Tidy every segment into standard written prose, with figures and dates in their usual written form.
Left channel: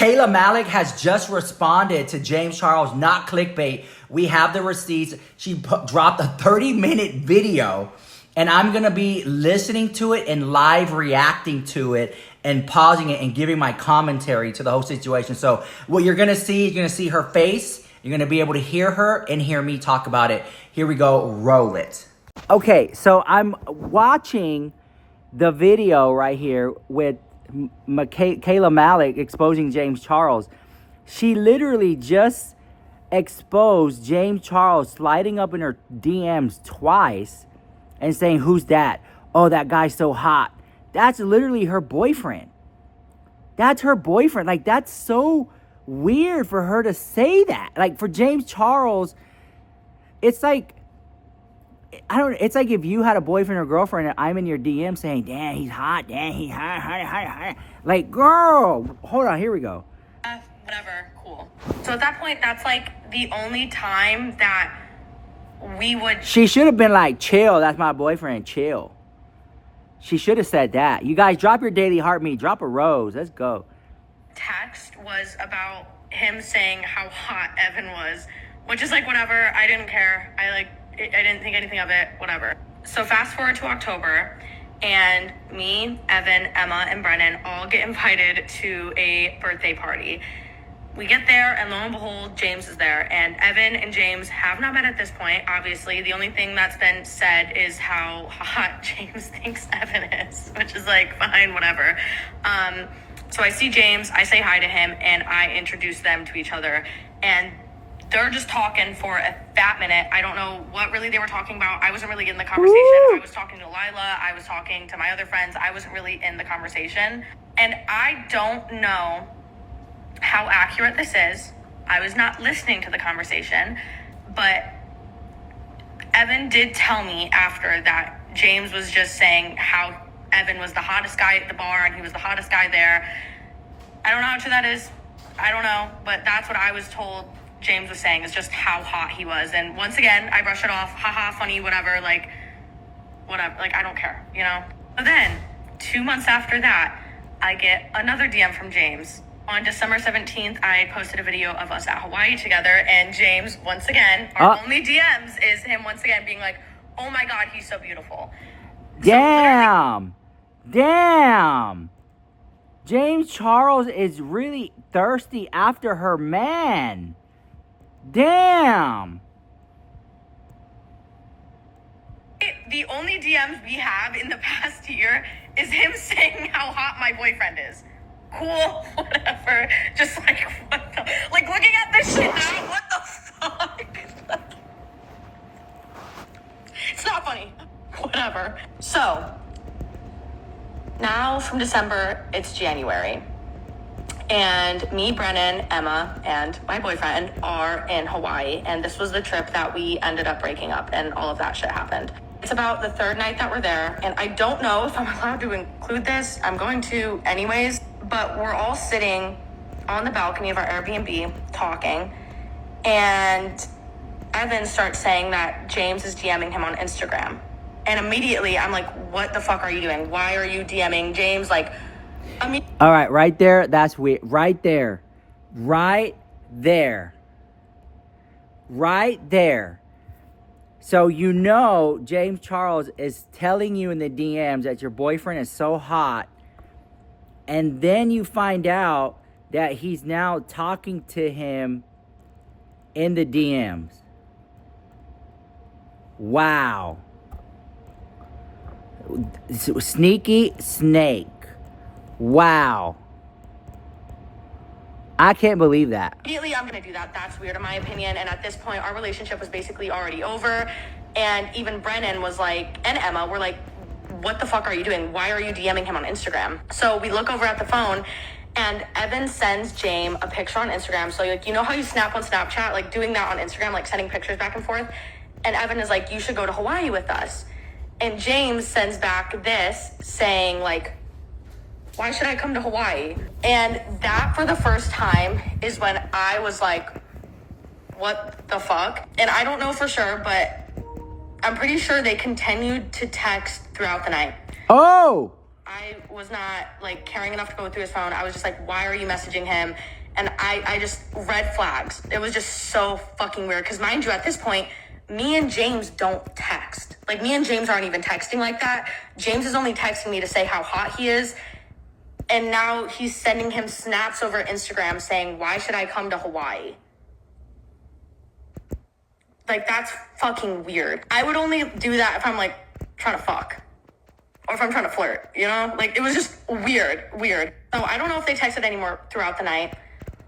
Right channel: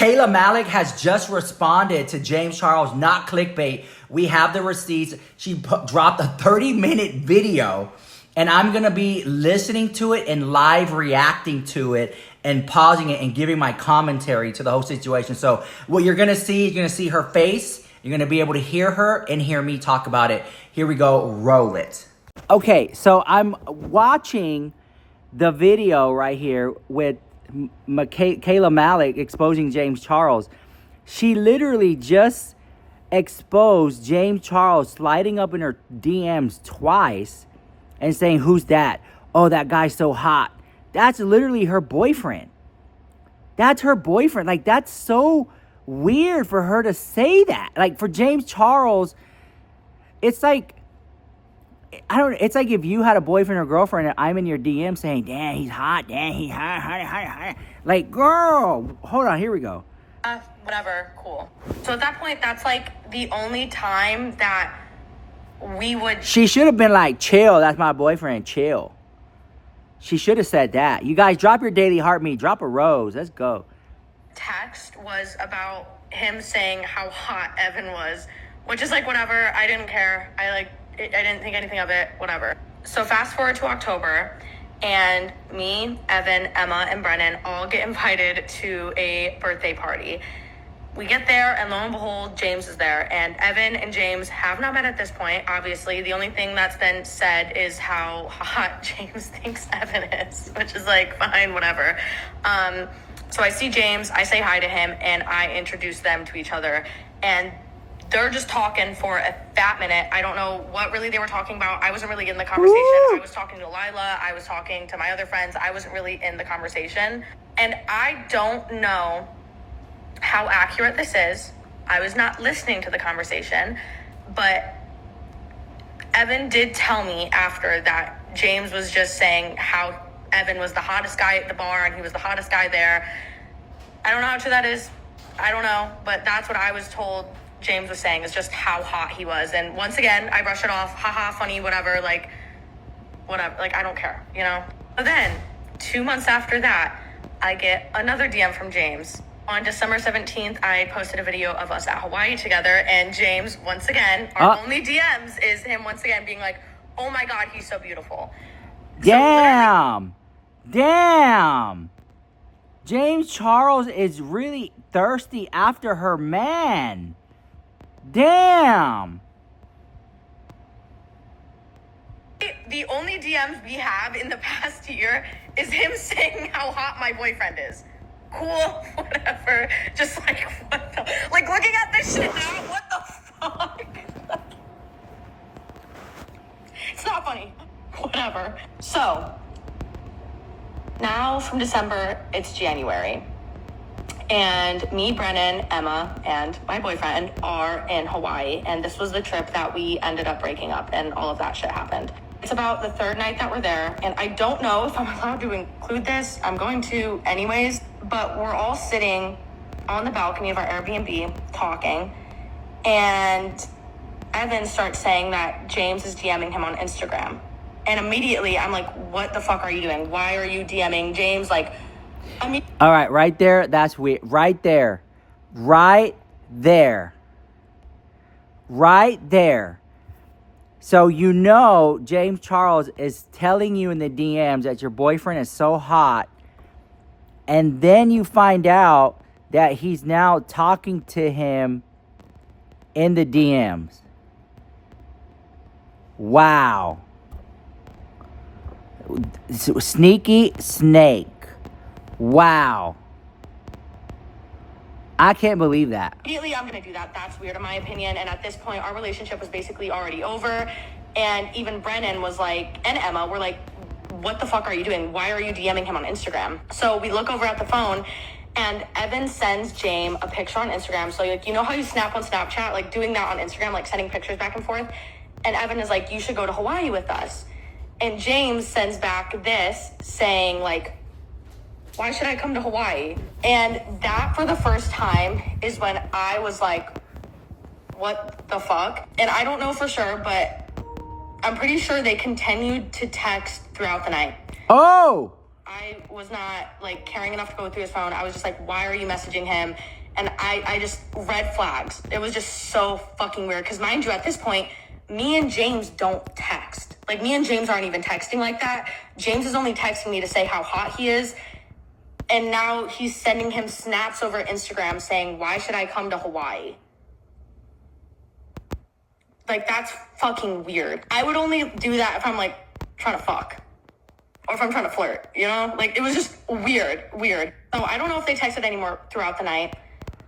Kayla Malecc has just responded to James Charles, not clickbait. We have the receipts. She dropped a 30-minute video, and I'm going to be listening to it and live reacting to it and pausing it and giving my commentary to the whole situation. So what you're going to see, you're going to see her face. You're going to be able to hear her and hear me talk about it. Here we go. Roll it. Okay, so I'm watching the video right here with Kayla Malecc exposing James Charles. She literally just exposed James Charles sliding up in her DMs twice and saying, "Who's that? Oh, that guy's so hot." That's literally her boyfriend. That's her boyfriend. Like, that's so weird for her to say that. Like, for James Charles, it's like, it's like if you had a boyfriend or girlfriend and I'm in your DM saying, "Damn, he's hot. Damn, he's hot. Like, girl, hold on, here we go. Whatever, cool. So at that point, that's like the only time that we would... She should have been like, chill, that's my boyfriend, chill. She should have said that. You guys, drop your daily heart me. Drop a rose. Let's go. Text was about him saying how hot Evan was, which is like, whatever. I didn't care. I didn't think anything of it. Whatever. So fast forward to October, and me, Evan, Emma, and Brennan all get invited to a birthday party. We get there, and lo and behold, James is there. And Evan and James have not met at this point, obviously. The only thing that's been said is how hot James thinks Evan is, which is like, fine, whatever. So I see James, I say hi to him, and I introduce them to each other. And they're just talking for a fat minute. I don't know what really they were talking about. I wasn't really in the conversation. Woo! I was talking to Lila. I was talking to my other friends. I wasn't really in the conversation. And I don't know how accurate this is. I was not listening to the conversation. But Evan did tell me after that James was just saying how Evan was the hottest guy at the bar and he was the hottest guy there. I don't know how true that is. I don't know. But that's what I was told James was saying, is just how hot he was. And once again, I brush it off. Haha, funny, whatever. Like, whatever. Like, I don't care, you know? But then, 2 months after that, I get another DM from James. On December 17th, I posted a video of us at Hawaii together. And James, once again, our only DMs is him once again being like, "Oh my God, he's so beautiful." Damn. Damn. James Charles is really thirsty after her man. Damn. The only DMs we have in the past year is him saying how hot my boyfriend is. Cool, whatever. Just like, what the... Like, looking at this shit, like, what the fuck? It's not funny. Whatever. So, now from December, it's January. And me, Brennan, Emma, and my boyfriend are in Hawaii. And this was the trip that we ended up breaking up, and all of that shit happened. It's about the third night that we're there. And I don't know if I'm allowed to include this. I'm going to anyways. But we're all sitting on the balcony of our Airbnb talking. And Evan starts saying that James is DMing him on Instagram. And immediately I'm like, what the fuck are you doing? Why are you DMing James? Like, all right, right there. That's weird. Right there. Right there. Right there. So you know James Charles is telling you in the DMs that your boyfriend is so hot. And then you find out that he's now talking to him in the DMs. Wow. Sneaky snake. Wow. I can't believe that. Immediately, I'm going to do that. That's weird in my opinion. And at this point, our relationship was basically already over. And even Brennan was like, and Emma were like, what the fuck are you doing? Why are you DMing him on Instagram? So we look over at the phone, and Evan sends James a picture on Instagram. So, like, you know how you snap on Snapchat? Like, doing that on Instagram, like sending pictures back and forth. And Evan is like, you should go to Hawaii with us. And James sends back this saying, like, why should I come to Hawaii? And that, for the first time, is when I was like, what the fuck? And I don't know for sure, but I'm pretty sure they continued to text throughout the night. Oh! I was not like caring enough to go through his phone. I was just like, why are you messaging him? And I just, red flags. It was just so fucking weird. Because mind you, at this point, me and James don't text. Like, me and James aren't even texting like that. James is only texting me to say how hot he is. And now he's sending him snaps over Instagram saying, why should I come to Hawaii? Like, that's fucking weird. I would only do that if I'm, like, trying to fuck. Or if I'm trying to flirt, you know? Like, it was just weird. So I don't know if they texted anymore throughout the night.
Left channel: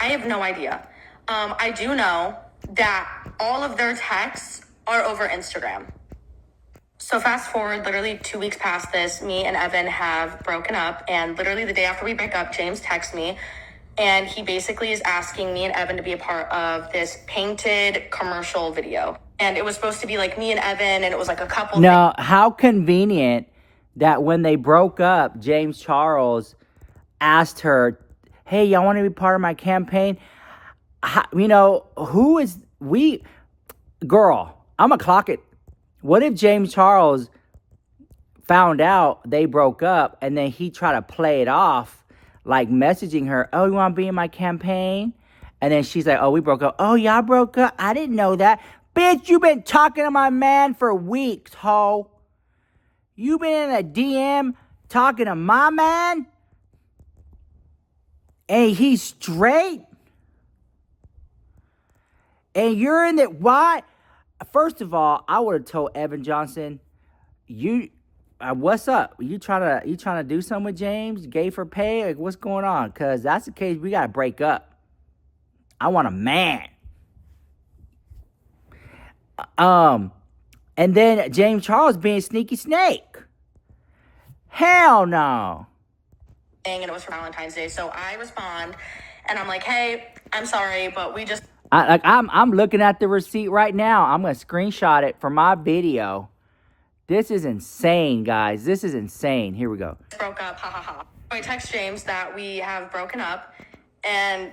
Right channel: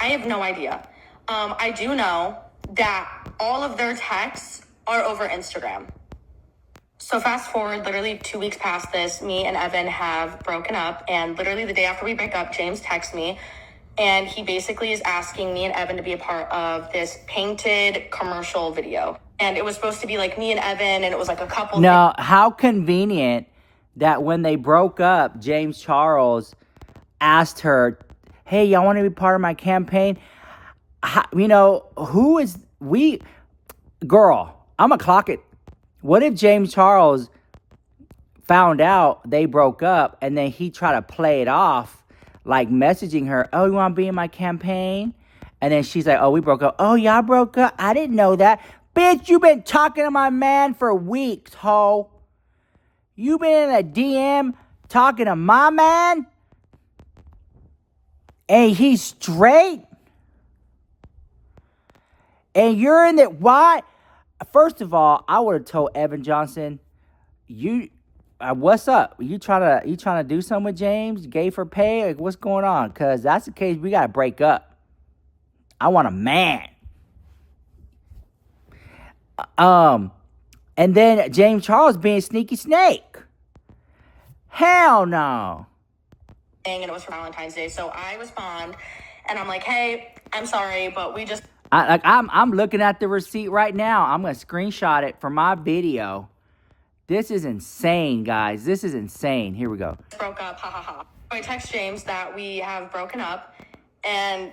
I have no idea. I do know that all of their texts are over Instagram. So fast forward, literally 2 weeks past this, me and Evan have broken up. And literally the day after we break up, James texts me. And he basically is asking me and Evan to be a part of this painted commercial video. And it was supposed to be like me and Evan, and it was like a couple. Now, how convenient that when they broke up, James Charles asked her, hey, y'all want to be part of my campaign? You know, girl, I'm going to clock it. What if James Charles found out they broke up and then he tried to play it off, like messaging her, oh, you want to be in my campaign? And then she's like, oh, we broke up. Oh, y'all broke up? I didn't know that. Bitch, you been talking to my man for weeks, ho. You been in a DM talking to my man? And he's straight? And you're in it. Why? First of all, I would have told Evan Johnson, what's up? You trying to do something with James? Gay for pay? Like, what's going on? Because that's the case. We got to break up. I want a man. And then James Charles being sneaky snake. Hell no. And it was for Valentine's Day, so I respond, and I'm like, hey, I'm sorry, but we just... I'm looking at the receipt right now. I'm going to screenshot it for my video. This is insane, guys. This is insane. Here we go. Broke up, ha ha ha. I text James that we have broken up, and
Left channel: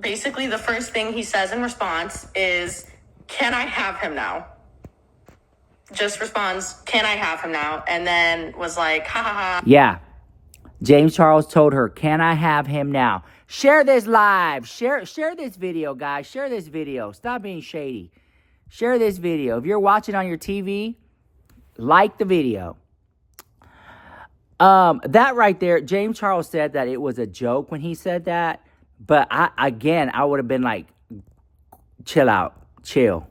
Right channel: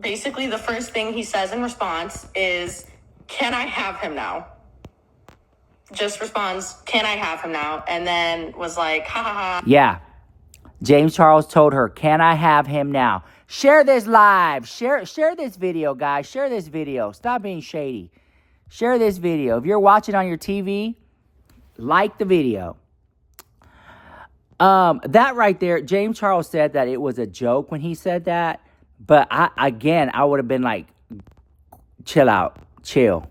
basically the first thing he says in response is, can I have him now? Just responds, can I have him now? And then was like, ha ha ha. Yeah. James Charles told her, can I have him now? Share this live. Share this video, guys. Share this video. Stop being shady. Share this video. If you're watching on your TV, like the video. That right there, James Charles said that it was a joke when he said that. But I would have been like, chill out. Chill.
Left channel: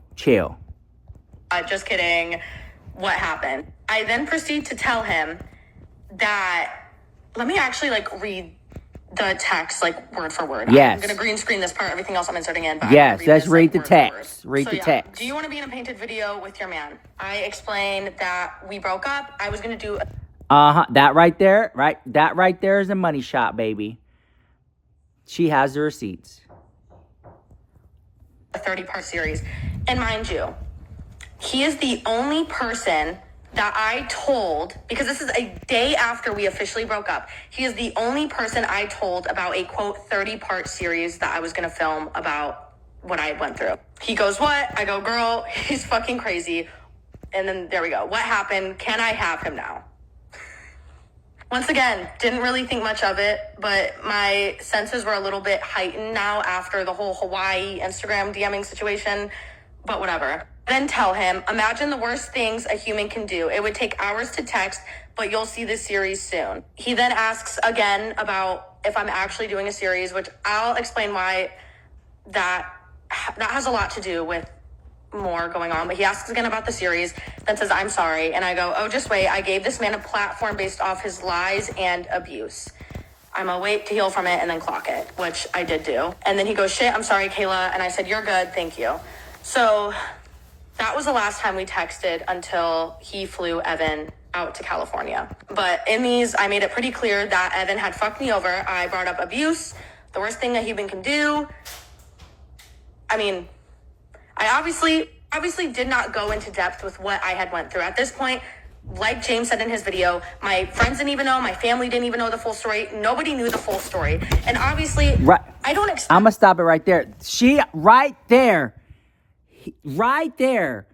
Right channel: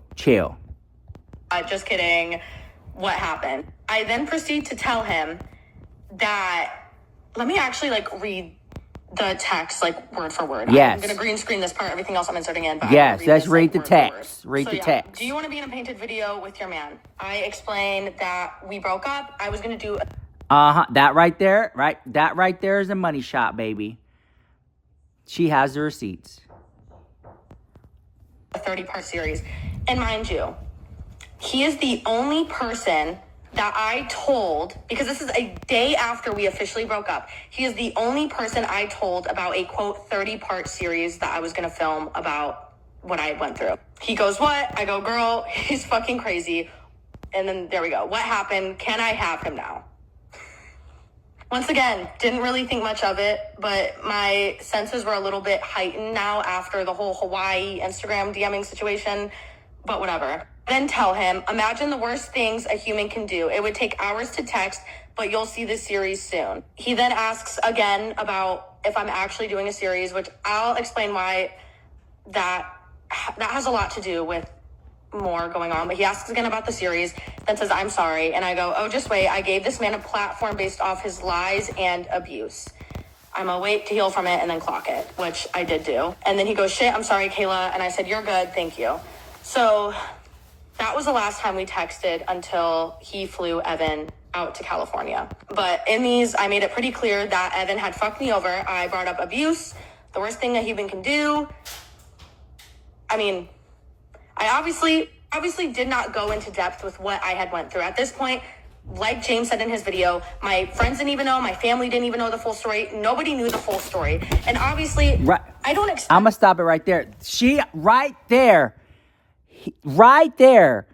Just kidding. What happened? I then proceed to tell him that, let me actually read the text word for word. Yes. I'm going to green screen this part. Everything else I'm inserting in. But yes, let's read the word for word. text. Read the text. Do you want to be in a painted video with your man? I explained that we broke up. I was going to do... That right there, right? That right there is a money shot, baby. She has the receipts. A 30-part series. And mind you, he is the only person that I told, because this is a day after we officially broke up, he is the only person I told about a, quote, 30-part series that I was going to film about what I went through. He goes, what? I go, girl, he's fucking crazy. And then there we go. What happened? Can I have him now? Once again, didn't really think much of it, but my senses were a little bit heightened now after the whole Hawaii Instagram DMing situation, but whatever. Then tell him, imagine the worst things a human can do. It would take hours to text, but you'll see this series soon. He then asks again about if I'm actually doing a series, which I'll explain why that has a lot to do with more going on. But he asks again about the series, then says, I'm sorry. And I go, oh, just wait. I gave this man a platform based off his lies and abuse. I'm gonna wait to heal from it and then clock it, which I did do. And then he goes, shit, I'm sorry, Kayla. And I said, you're good, thank you. So that was the last time we texted until he flew Evan out to California. But in these, I made it pretty clear that Evan had fucked me over. I brought up abuse, the worst thing a human can do. I mean, I obviously did not go into depth with what I had went through. At this point, like James said in his video, my friends didn't even know, my family didn't even know the full story. Nobody knew the full story. And obviously, right. I don't expect... I'm going to stop it right there. Right there,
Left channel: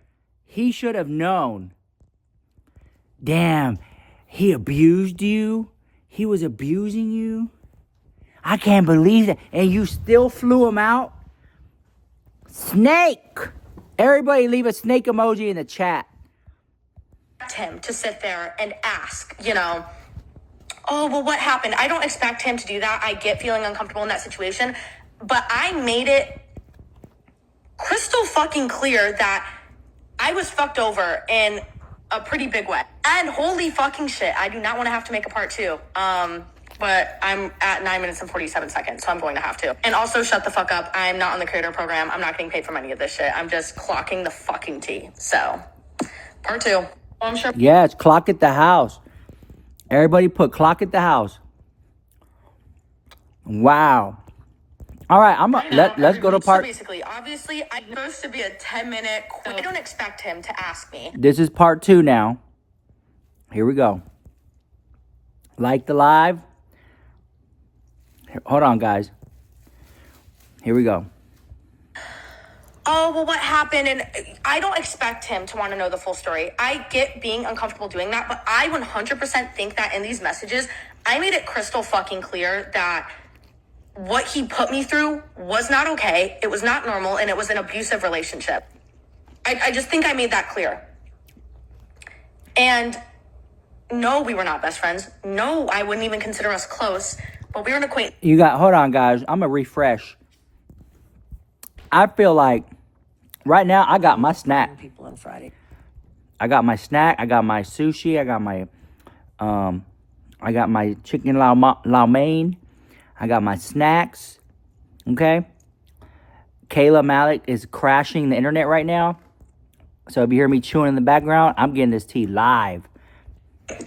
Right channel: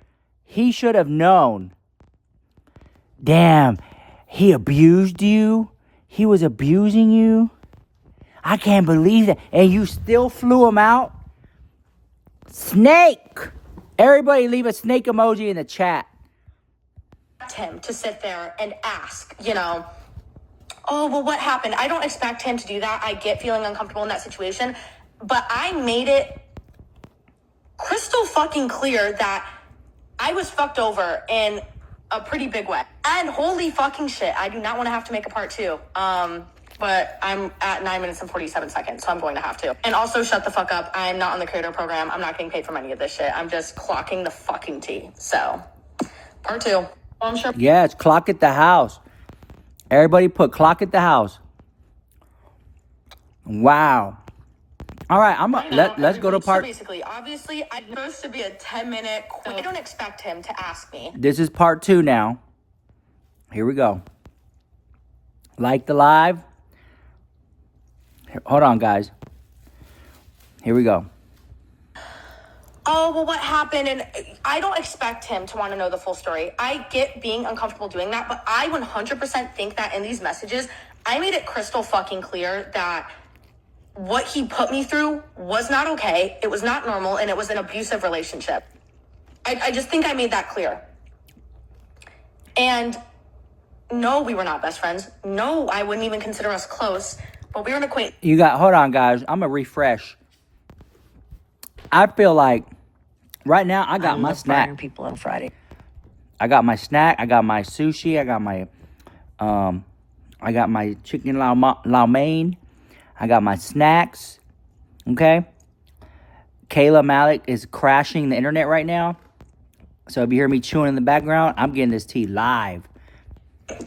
he should have known. Damn, he abused you. He was abusing you? I can't believe that. And you still flew him out? Snake! Everybody leave a snake emoji in the chat. Him to sit there and ask, oh, well, what happened? I don't expect him to do that. I get feeling uncomfortable in that situation. But I made crystal fucking clear that I was fucked over in a pretty big way. And holy fucking shit, I do not want to have to make a part 2. But I'm at 9 minutes and 47 seconds, so I'm going to have to. And also, shut the fuck up. I'm not on the creator program. I'm not getting paid from any of this shit. I'm just clocking the fucking tea. So, part 2. Well, I'm sure. Yeah, it's clock at the house. Everybody put clock at the house. Wow. All right, let's go to part. So basically, obviously, I'm supposed to be a 10-minute. I don't expect him to ask me. This is part 2 now. Here we go. Like the live. Hold on, guys. Here we go. Oh, well, what happened? And I don't expect him to want to know the full story. I get being uncomfortable doing that, but I 100% think that in these messages, I made it crystal fucking clear that what he put me through was not okay. It was not normal, and it was an abusive relationship. I just think I made that clear. And no, we were not best friends. No, I wouldn't even consider us close, but we're an acquaintance. Hold on, guys. I'm going to refresh. I feel like right now I got my snack. People on Friday. I got my snack. I got my sushi. I got my chicken lau mein. I got my snacks. Okay. Kayla Malecc is crashing the internet right now. So if you hear me chewing in the background, I'm getting this tea live.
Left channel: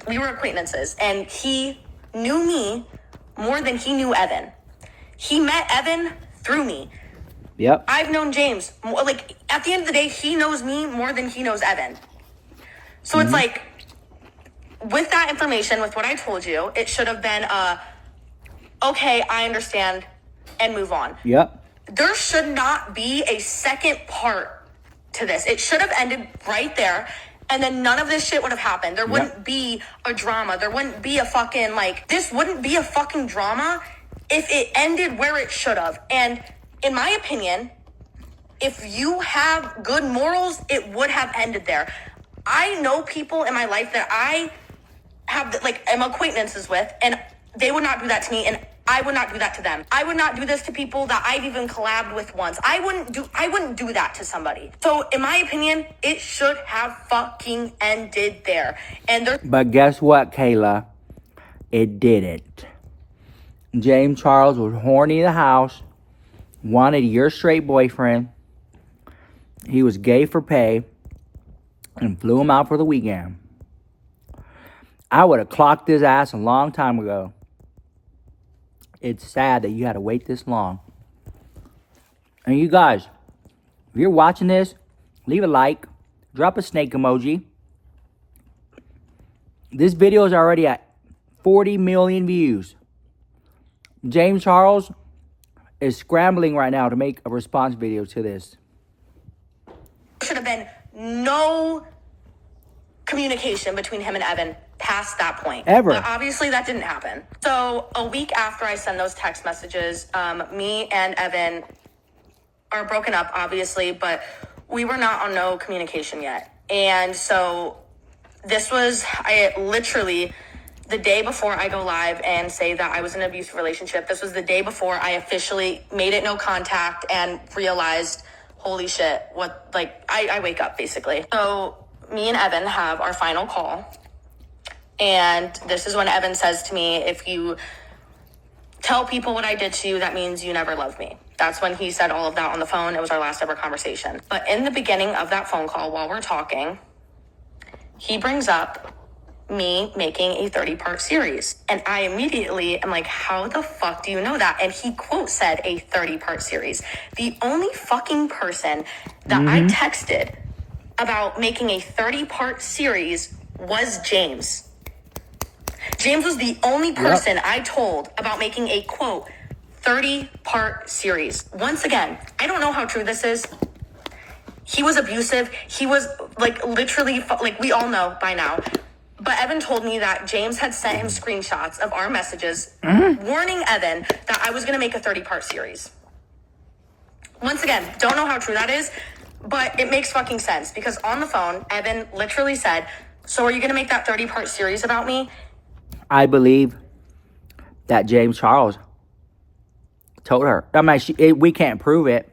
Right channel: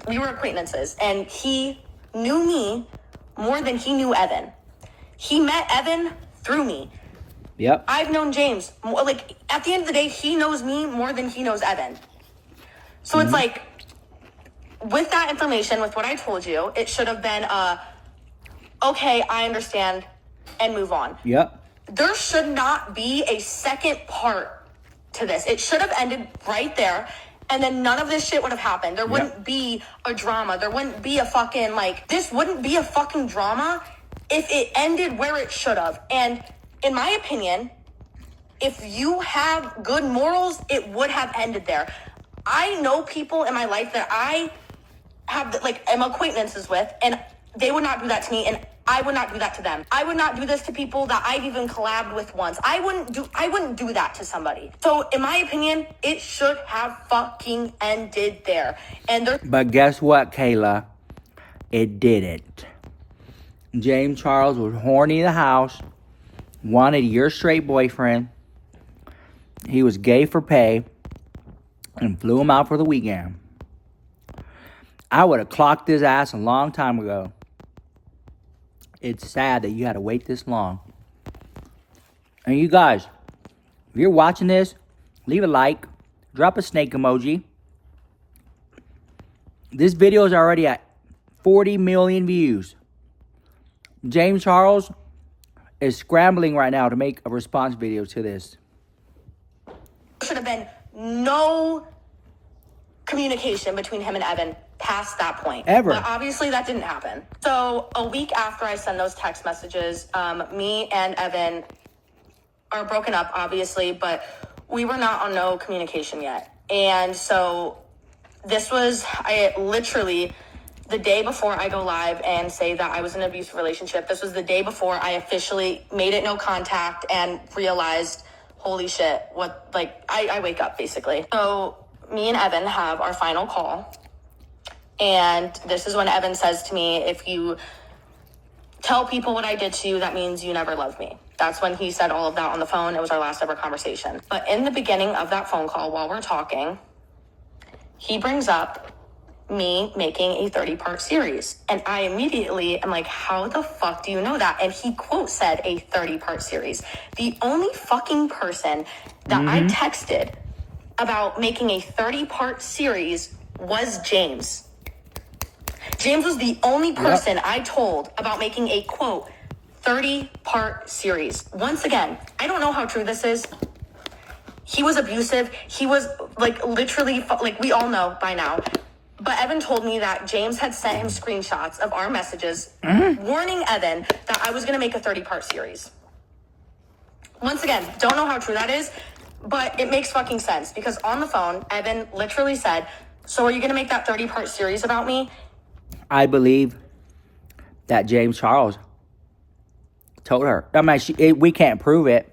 We were acquaintances, and he knew me more than he knew Evan. He met Evan through me. Yep. I've known James. At the end of the day, he knows me more than he knows Evan. So it's like, with that information, with what I told you, it should have been, okay, I understand, and move on. Yep. There should not be a second part to this. It should have ended right there, and then none of this shit would have happened. There wouldn't be a drama. There wouldn't be a fucking, this wouldn't be a fucking drama if it ended where it should have. And in my opinion, if you have good morals, it would have ended there. I know people in my life that I have, am acquaintances with, and they would not do that to me, and I would not do that to them. I would not do this to people that I've even collabed with once. I wouldn't do that to somebody. So, in my opinion, it should have fucking ended there. But guess what, Kayla? It didn't. James Charles was horny in the house, wanted your straight boyfriend. He was gay for pay, and flew him out for the weekend. I would have clocked his ass a long time ago. It's sad that you had to wait this long. And you guys, if you're watching this, leave a like, drop a snake emoji. This video is already at 40 million views. James Charles is scrambling right now to make a response video to this. There should have been no communication between him and Evan past that point. Ever. But obviously that didn't happen. So a week after I send those text messages, me and Evan are broken up, obviously, but we were not on no communication yet. And so this was, literally, the day before I go live and say that I was in an abusive relationship. This was the day before I officially made it no contact and realized, holy shit, I wake up, basically. So me and Evan have our final call. And this is when Evan says to me, if you tell people what I did to you, that means you never loved me. That's when he said all of that on the phone. It was our last ever conversation. But in the beginning of that phone call, while we're talking, he brings up me making a 30-part series. And I immediately am like, how the fuck do you know that? And he quote said a 30-part series. The only fucking person that I texted about making a 30-part series was James. James was the only person I told about making a, quote, 30-part series. Once again, I don't know how true this is. He was abusive. He was, literally, we all know by now. But Evan told me that James had sent him screenshots of our messages warning Evan that I was going to make a 30-part series. Once again, don't know how true that is, but it makes fucking sense because on the phone, Evan literally said, so are you going to make that 30-part series about me? I believe that James Charles told her. I mean, we can't prove it.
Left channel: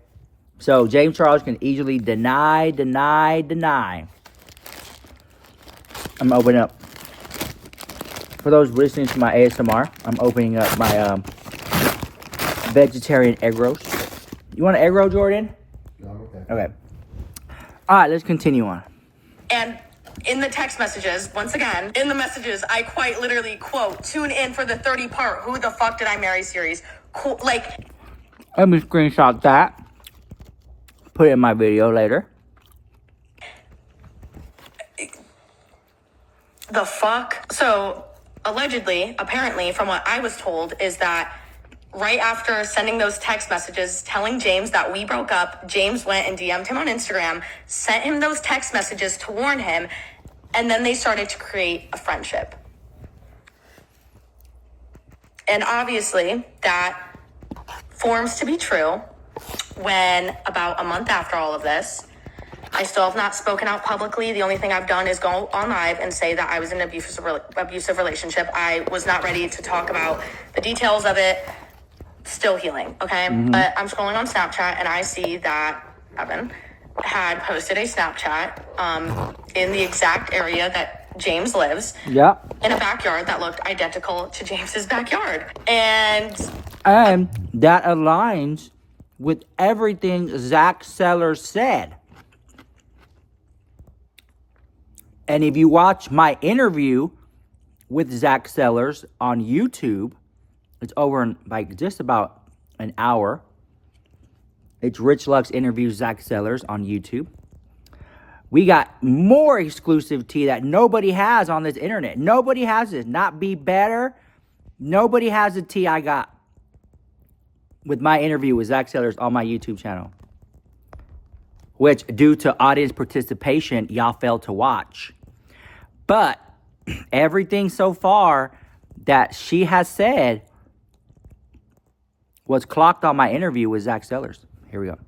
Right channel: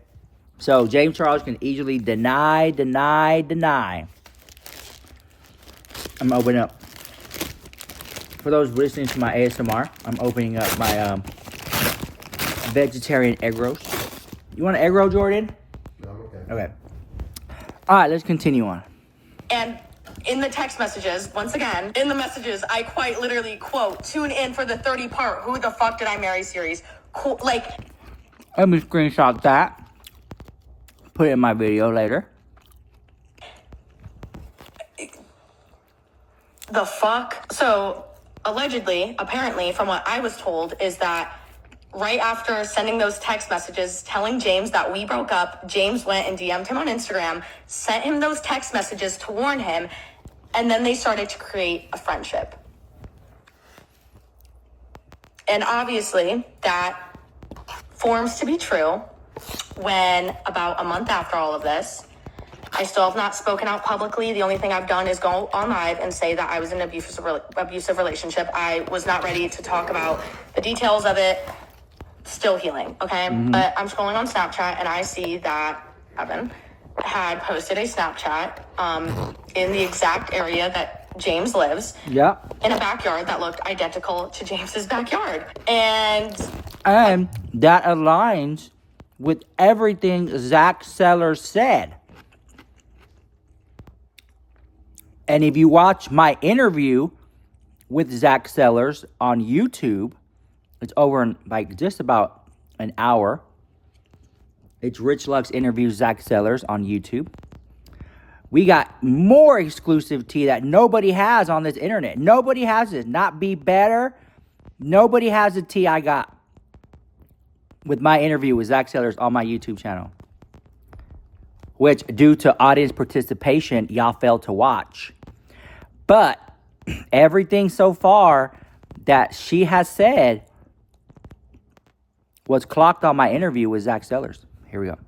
So James Charles can easily deny. I'm opening up. For those listening to my ASMR, I'm opening up my vegetarian egg roast. You want an egg roll, Jordan? No, I'm okay. Okay. All right, let's continue on. And in the text messages, once again, in the messages, I quite literally quote, tune in for the 30-part Who the Fuck Did I Marry series. Like, Let me screenshot that. Put it in my video later. the fuck? So, allegedly, apparently, from what I was told, is that right after sending those text messages telling James that we broke up, James went and DM'd him on Instagram, sent him those text messages to warn him, and then they started to create a friendship. And obviously, that forms to be true when about a month after all of this, I still have not spoken out publicly. The only thing I've done is go on live and say that I was in an abusive relationship. I was not ready to talk about the details of it. Still healing, okay? But I'm scrolling on Snapchat and I see that Evan had posted a Snapchat in the exact area that James lives. Yeah. In a backyard that looked identical to James's backyard. And that aligns with everything Zach Sellers said. And if you watch my interview with Zach Sellers on YouTube, it's over in like just about an hour. It's Rich Lux interviews Zach Sellers on YouTube. We got more exclusive tea that nobody has on this internet. Nobody has it. Not Be Better. Nobody has the tea I got with my interview with Zach Sellers on my YouTube channel. Which, due to audience participation, y'all failed to watch. But everything so far that she has said was clocked on my interview with Zach Sellers. Here we go.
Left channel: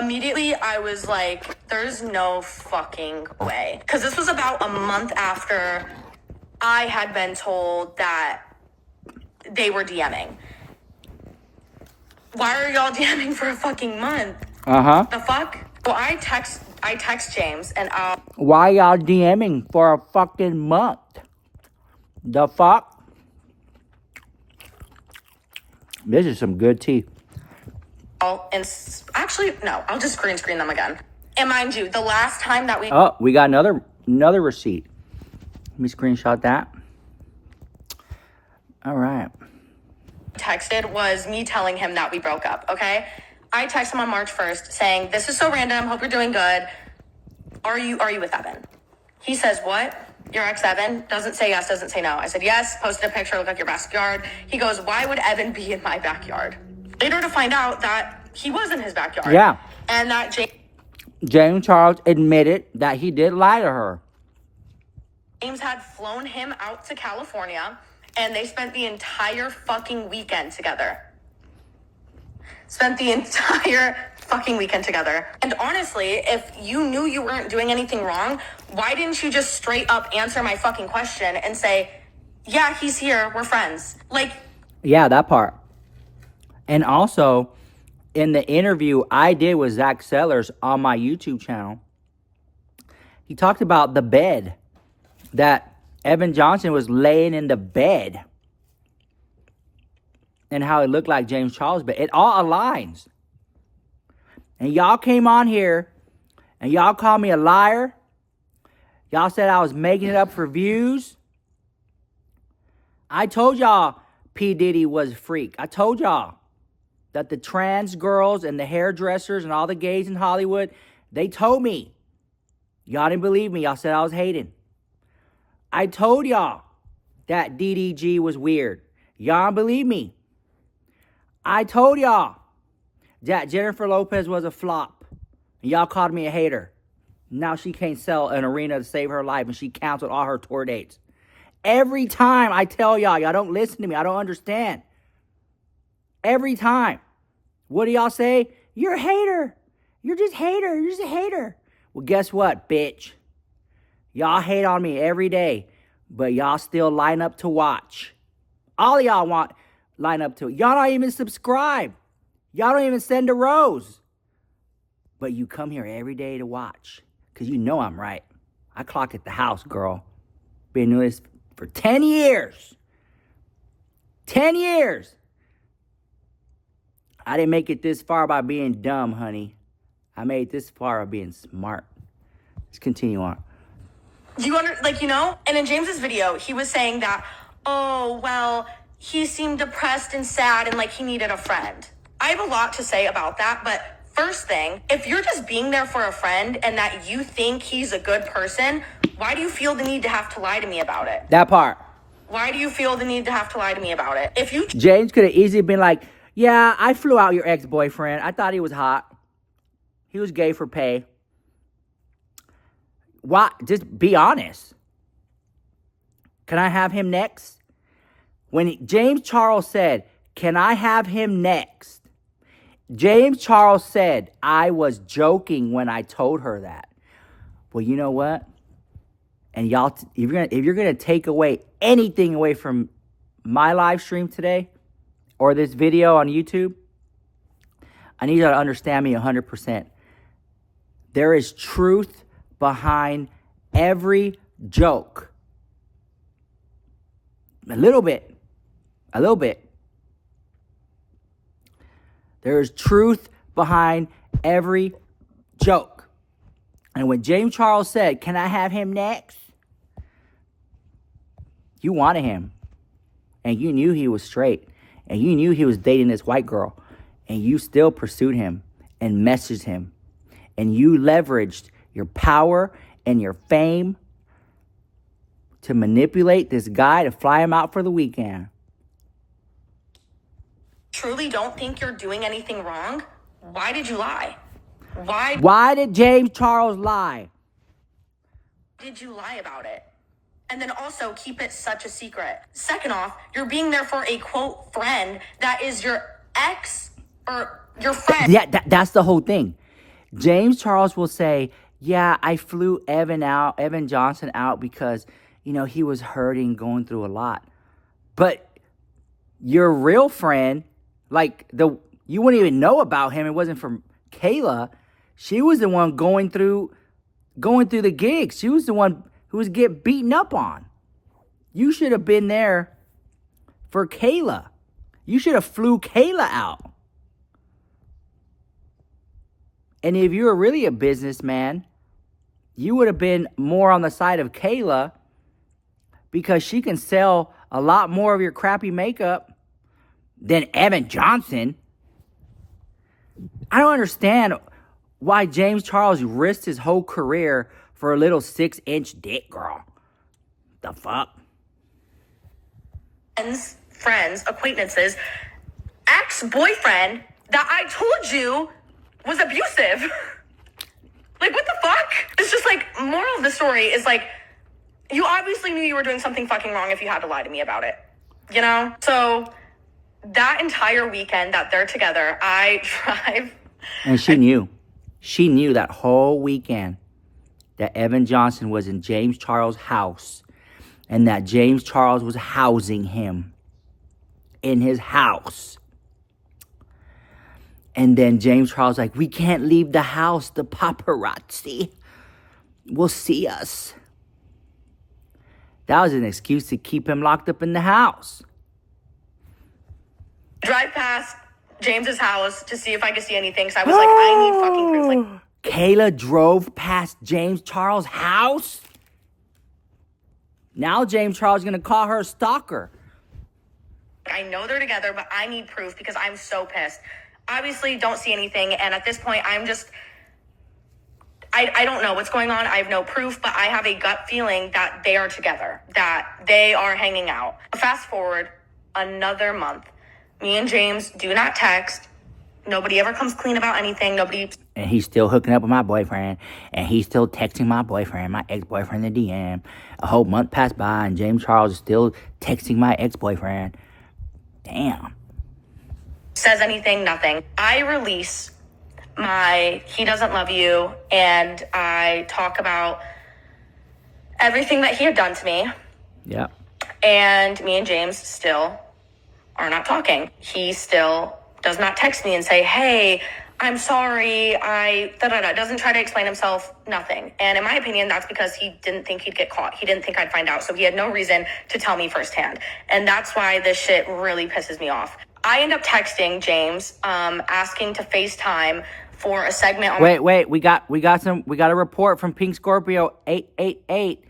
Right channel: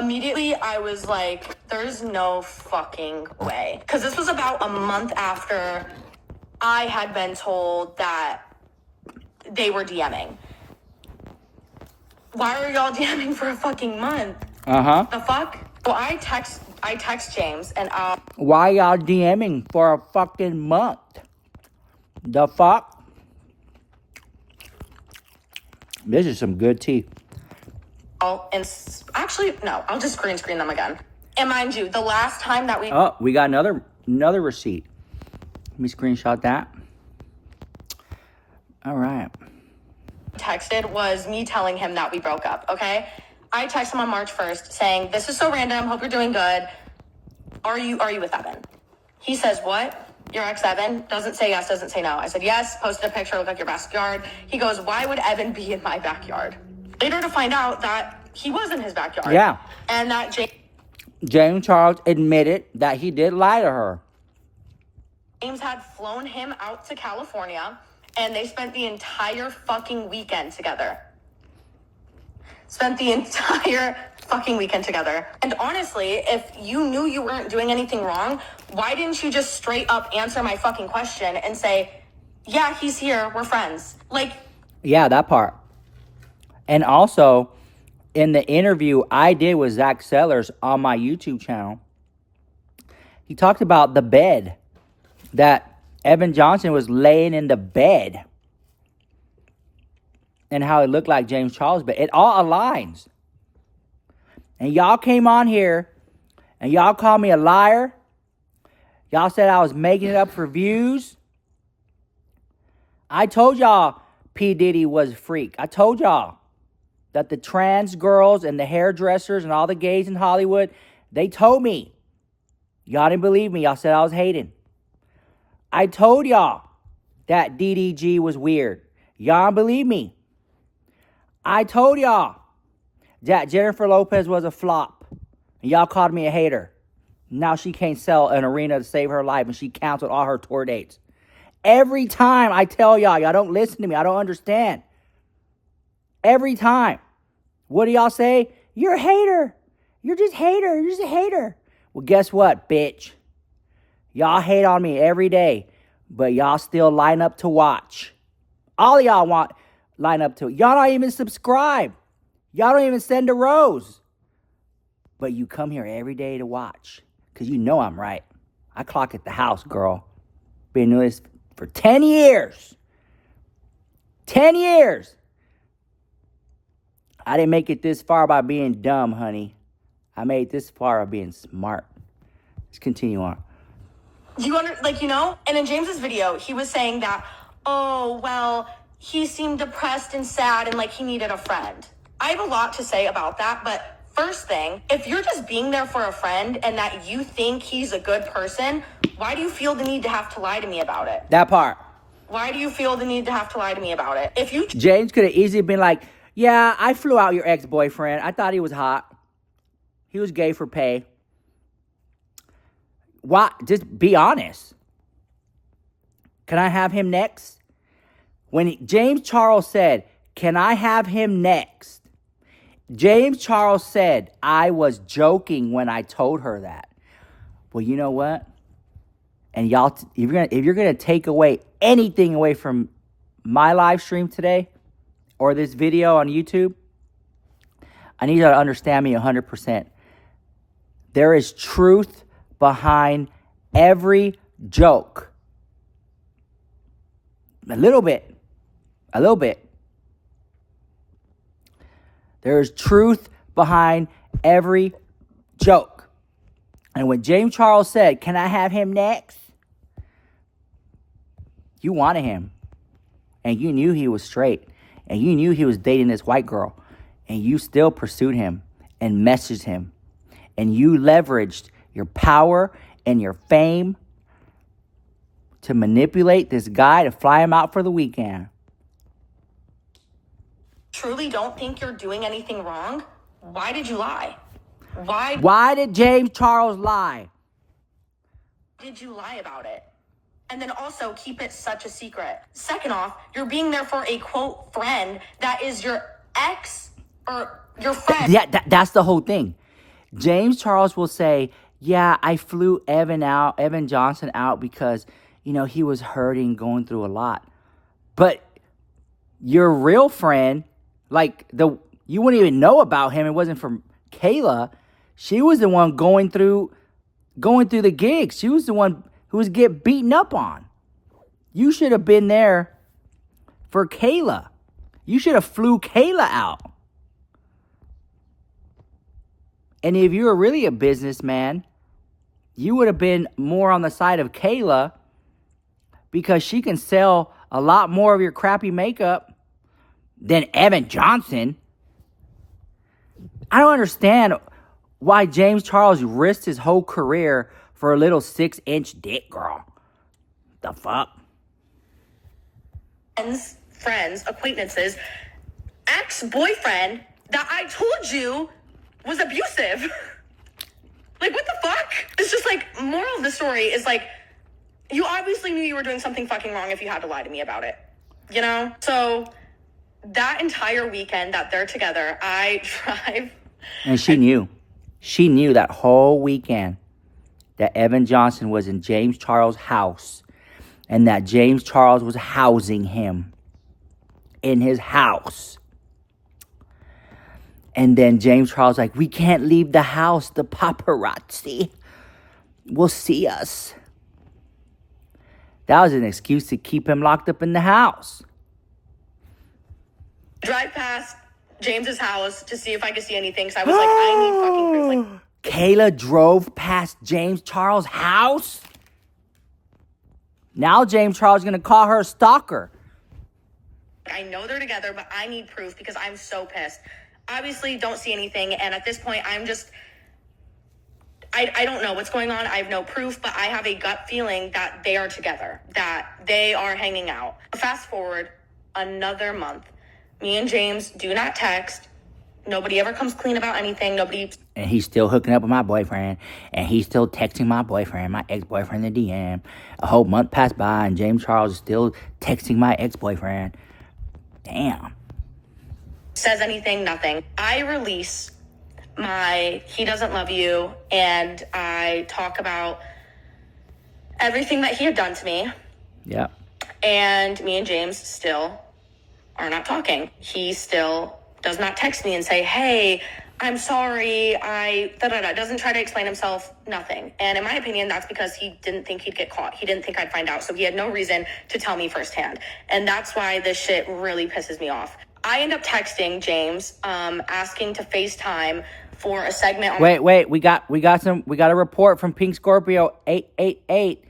immediately I was like, there's no fucking way. Because this was about a month after I had been told that they were DMing. Why are y'all DMing for a fucking month? The fuck? Well, I text James and Why y'all DMing for a fucking month? The fuck? This is some good tea. actually, no, I'll just green screen them again. And mind you, the last time that Oh, we got another receipt. Let me screenshot that. All right. texted was me telling him that we broke up, okay? I texted him on March 1st saying, this is so random, hope you're doing good. Are you with Evan? He says, what? Your ex Evan? Doesn't say yes, doesn't say no. I said, yes, posted a picture, looked like your backyard. He goes, why would Evan be in my backyard? Later to find out that he was in his backyard. Yeah. And that James Charles admitted that he did lie to her. James had flown him out to California and they spent the entire fucking weekend together. And honestly, if you knew you weren't doing anything wrong, why didn't you just straight up answer my fucking question and say, yeah, he's here, we're friends? Like, Yeah, that part. And also, in the interview I did with Zach Sellers on my YouTube channel, he talked about the bed, that Evan Johnson was laying in the bed and how it looked like James Charles' bed. It all aligns. And y'all came on here and y'all called me a liar. Y'all said I was making it up for views. I told y'all P. Diddy was a freak. I told y'all that the trans girls and the hairdressers and all the gays in Hollywood, they told me. Y'all didn't believe me. Y'all said I was hating. I told y'all that DDG was weird. Y'all don't believe me. I told y'all that Jennifer Lopez was a flop. And y'all called me a hater. Now she can't sell an arena to save her life and she canceled all her tour dates. Every time I tell y'all don't listen to me. I don't understand. Every time. What do y'all say? You're a hater. You're just hater. You're just a hater. Well, guess what, bitch? Y'all hate on me every day, but y'all still line up to watch. All y'all want line up to. Y'all don't even subscribe. Y'all don't even send a rose. But you come here every day to watch because you know I'm right. I clock at the house, girl. Been doing this for 10 years. 10 years. I didn't make it this far by being dumb, honey. I made it this far by being smart. Let's continue on. And in James's video, he was saying that, oh, well, he seemed depressed and sad and like he needed a friend. I have a lot to say about that, but first thing, if you're just being there for a friend and that you think he's a good person, why do you feel the need to have to lie to me about it? That part. Why do you feel the need to have to lie to me about it? James could have easily been like, yeah, I flew out your ex-boyfriend. I thought he was hot. He was gay for pay. Why? Just be honest. Can I have him next? When James Charles said, can I have him next? James Charles said, I was joking when I told her that. Well, you know what? And y'all, if you're gonna take away anything away from my live stream today or this video on YouTube, I need you to understand me 100%. There is truth behind every joke. A little bit. There is truth behind every joke. And when James Charles said, can I have him next? You wanted him. And you knew he was straight. And you knew he was dating this white girl. And you still pursued him and messaged him. And you leveraged your power and your fame to manipulate this guy to fly him out for the weekend. Truly don't think you're doing anything wrong? Why did you lie? Why did James Charles lie? Did you lie about it? And then also keep it such a secret. Second off, you're being there for a quote friend that is your ex or your friend. Yeah, that's the whole thing. James Charles will say, yeah, I flew Evan Johnson out because, he was hurting, going through a lot. But your real friend, you wouldn't even know about him. It wasn't from Kayla. She was the one going through the gigs. She was the one who was getting beaten up on. You should have been there for Kayla. You should have flew Kayla out. And if you were really a businessman, you would have been more on the side of Kayla because she can sell a lot more of your crappy makeup than Evan Johnson. I don't understand why James Charles risked his whole career for a little 6-inch dick, girl. The fuck? Friends, acquaintances, ex-boyfriend that I told you was abusive. What the fuck? It's just moral of the story is you obviously knew you were doing something fucking wrong if you had to lie to me about it. So that entire weekend that they're together, I drive. And she knew. She knew that whole weekend that Evan Johnson was in James Charles' house and that James Charles was housing him in his house. And then James Charles we can't leave the house. The paparazzi will see us. That was an excuse to keep him locked up in the house. Drive past James's house to see if I could see anything. So I was I need fucking proof. Kayla drove past James Charles' house? Now James Charles is going to call her a stalker. I know they're together, but I need proof because I'm so pissed. Obviously, don't see anything. And at this point, I'm just... I don't know what's going on. I have no proof, but I have a gut feeling that they are together, that they are hanging out. Fast forward another month. Me and James do not text. Nobody ever comes clean about anything. Nobody. And he's still hooking up with my boyfriend. And he's still texting my boyfriend, my ex-boyfriend, in the DM. A whole month passed by, and James Charles is still texting my ex-boyfriend. Damn. Says anything, nothing. I release my He Doesn't Love You, and I talk about everything that he had done to me. Yep. And me and James still are not talking. He still does not text me and say, hey, I'm sorry, doesn't try to explain himself, nothing. And in my opinion, that's because he didn't think he'd get caught. He didn't think I'd find out. So he had no reason to tell me firsthand. And that's why this shit really pisses me off. I end up texting James, asking to FaceTime for a segment on— Wait, we got a report from Pink Scorpio 888.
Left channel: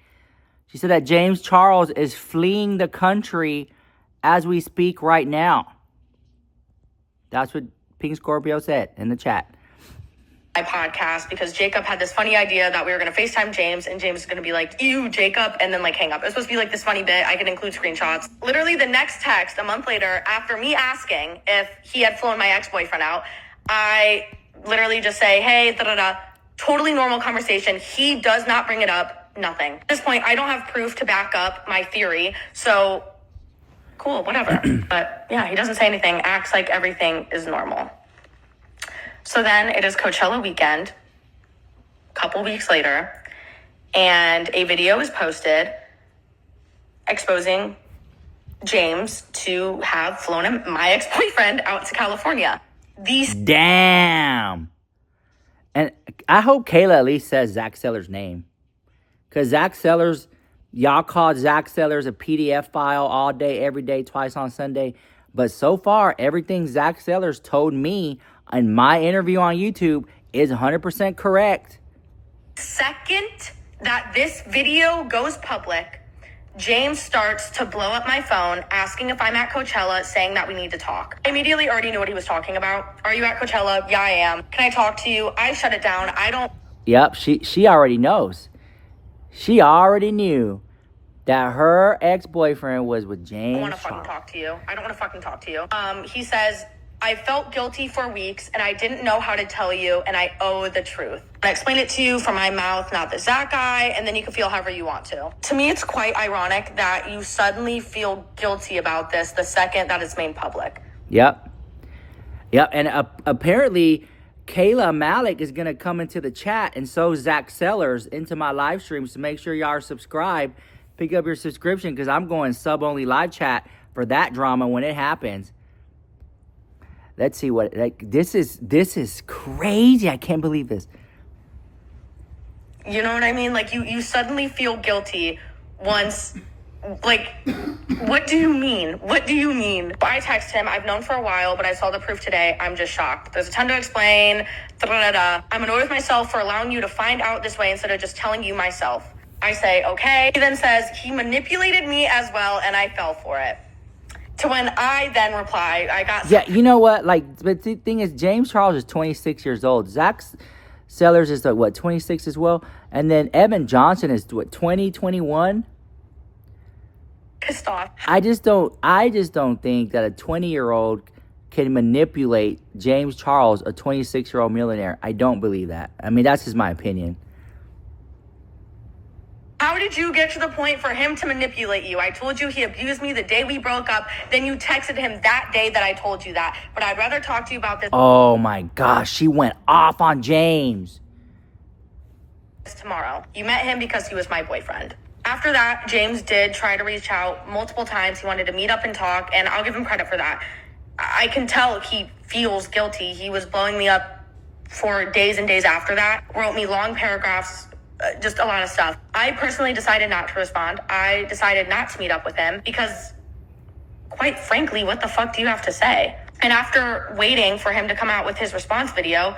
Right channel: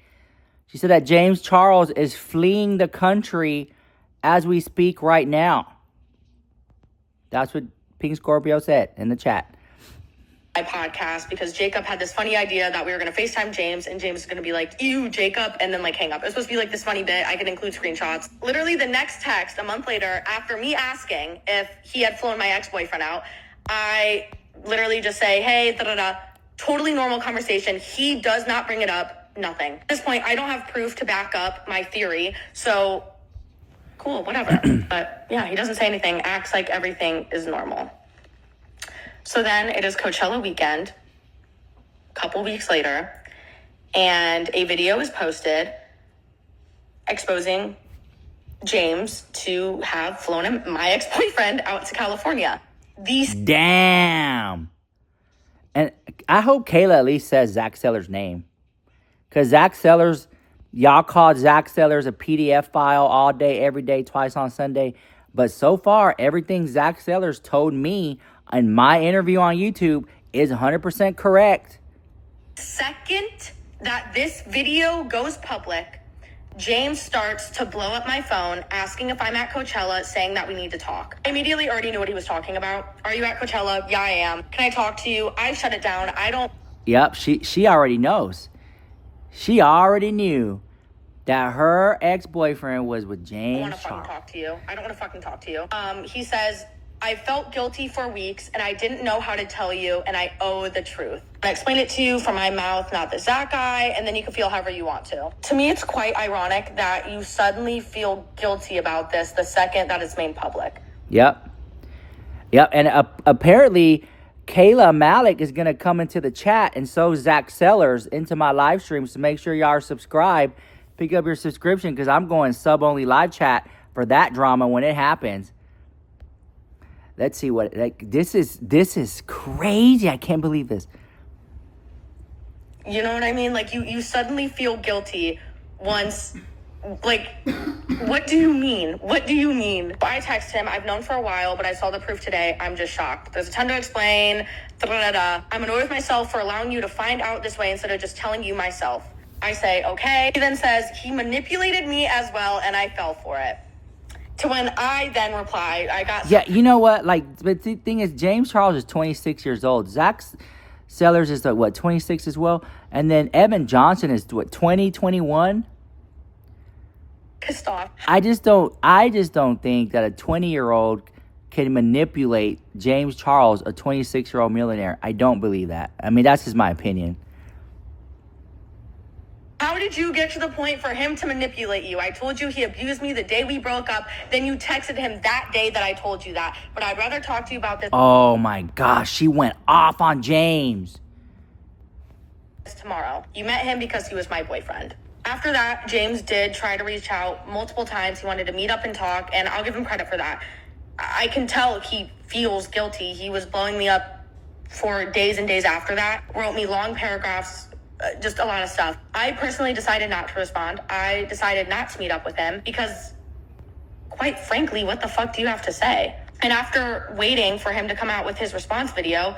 She said that James Charles is fleeing the country as we speak right now. That's what Pink Scorpio said in the chat. My podcast, because Jacob had this funny idea that we were going to FaceTime James, and James is going to be like, ew, Jacob, and then like hang up. It was supposed to be like this funny bit. I could include screenshots. Literally the next text, a month later, after me asking if he had flown my ex-boyfriend out, I literally just say, hey, totally normal conversation. He does not bring it up, nothing. At this point, I don't have proof to back up my theory, so cool, whatever. But yeah, he doesn't say anything, acts like everything is normal. So then it is Coachella weekend, a couple weeks later, and a video is posted exposing James to have flown my ex-boyfriend out to California. Damn. And I hope Kayla at least says Zach Sellers' name. Because Zach Sellers, y'all called Zach Sellers a PDF file all day, every day, twice on Sunday. But so far, everything Zach Sellers told me in my interview on YouTube is 100% correct. Second that this video goes public, James starts to blow up my phone, asking if I'm at Coachella, saying that we need to talk. I immediately already knew what he was talking about. Are you at Coachella? Yeah, I am. Can I talk to you? I shut it down. I don't... Yep, she already knows. She already knew that her ex-boyfriend was with James Charles. I don't want to fucking talk to you. He says, I felt guilty for weeks, and I didn't know how to tell you, and I owe the truth. I explain it to you from my mouth, not the Zach guy, and then you can feel however you want to. To me, it's quite ironic that you suddenly feel guilty about this the second that it's made public. Yep, and apparently Kayla Malecc is going to come into the chat, and so Zach Sellers, into my live streams. So make sure y'all are subscribed. Pick up your subscription, because I'm going sub-only live chat for that drama when it happens. Let's see what, like, this is crazy. I can't believe this. You know what I mean? Like, you suddenly feel guilty once, like, what do you mean? What do you mean? I text him, I've known for a while, but I saw the proof today. I'm just shocked. There's a ton to explain. I'm annoyed with myself for allowing you to find out this way instead of just telling you myself. I say, okay. He then says, he manipulated me as well, and I fell for it. To when I then replied, I got... Yeah, you know what? Like, but the thing is, James Charles is 26 years old. Zach Sellers is, 26 as well? And then Evan Johnson is, 20, 21? Pissed off. I just don't think that a 20-year-old can manipulate James Charles, a 26-year-old millionaire. I don't believe that. I mean, that's just my opinion. How did you get to the point for him to manipulate you? I told you he abused me the day we broke up. Then you texted him that day that I told you that. But I'd rather talk to you about this. Oh my gosh, she went off on James. Tomorrow. You met him because he was my boyfriend. After that, James did try to reach out multiple times. He wanted to meet up and talk, and I'll give him credit for that. I can tell he feels guilty. He was blowing me up for days and days after that. Wrote me long paragraphs. Just a lot of stuff. I personally decided not to respond. I decided not to meet up with him because, quite frankly, what the fuck do you have to say? And after waiting for him to come out with his response video,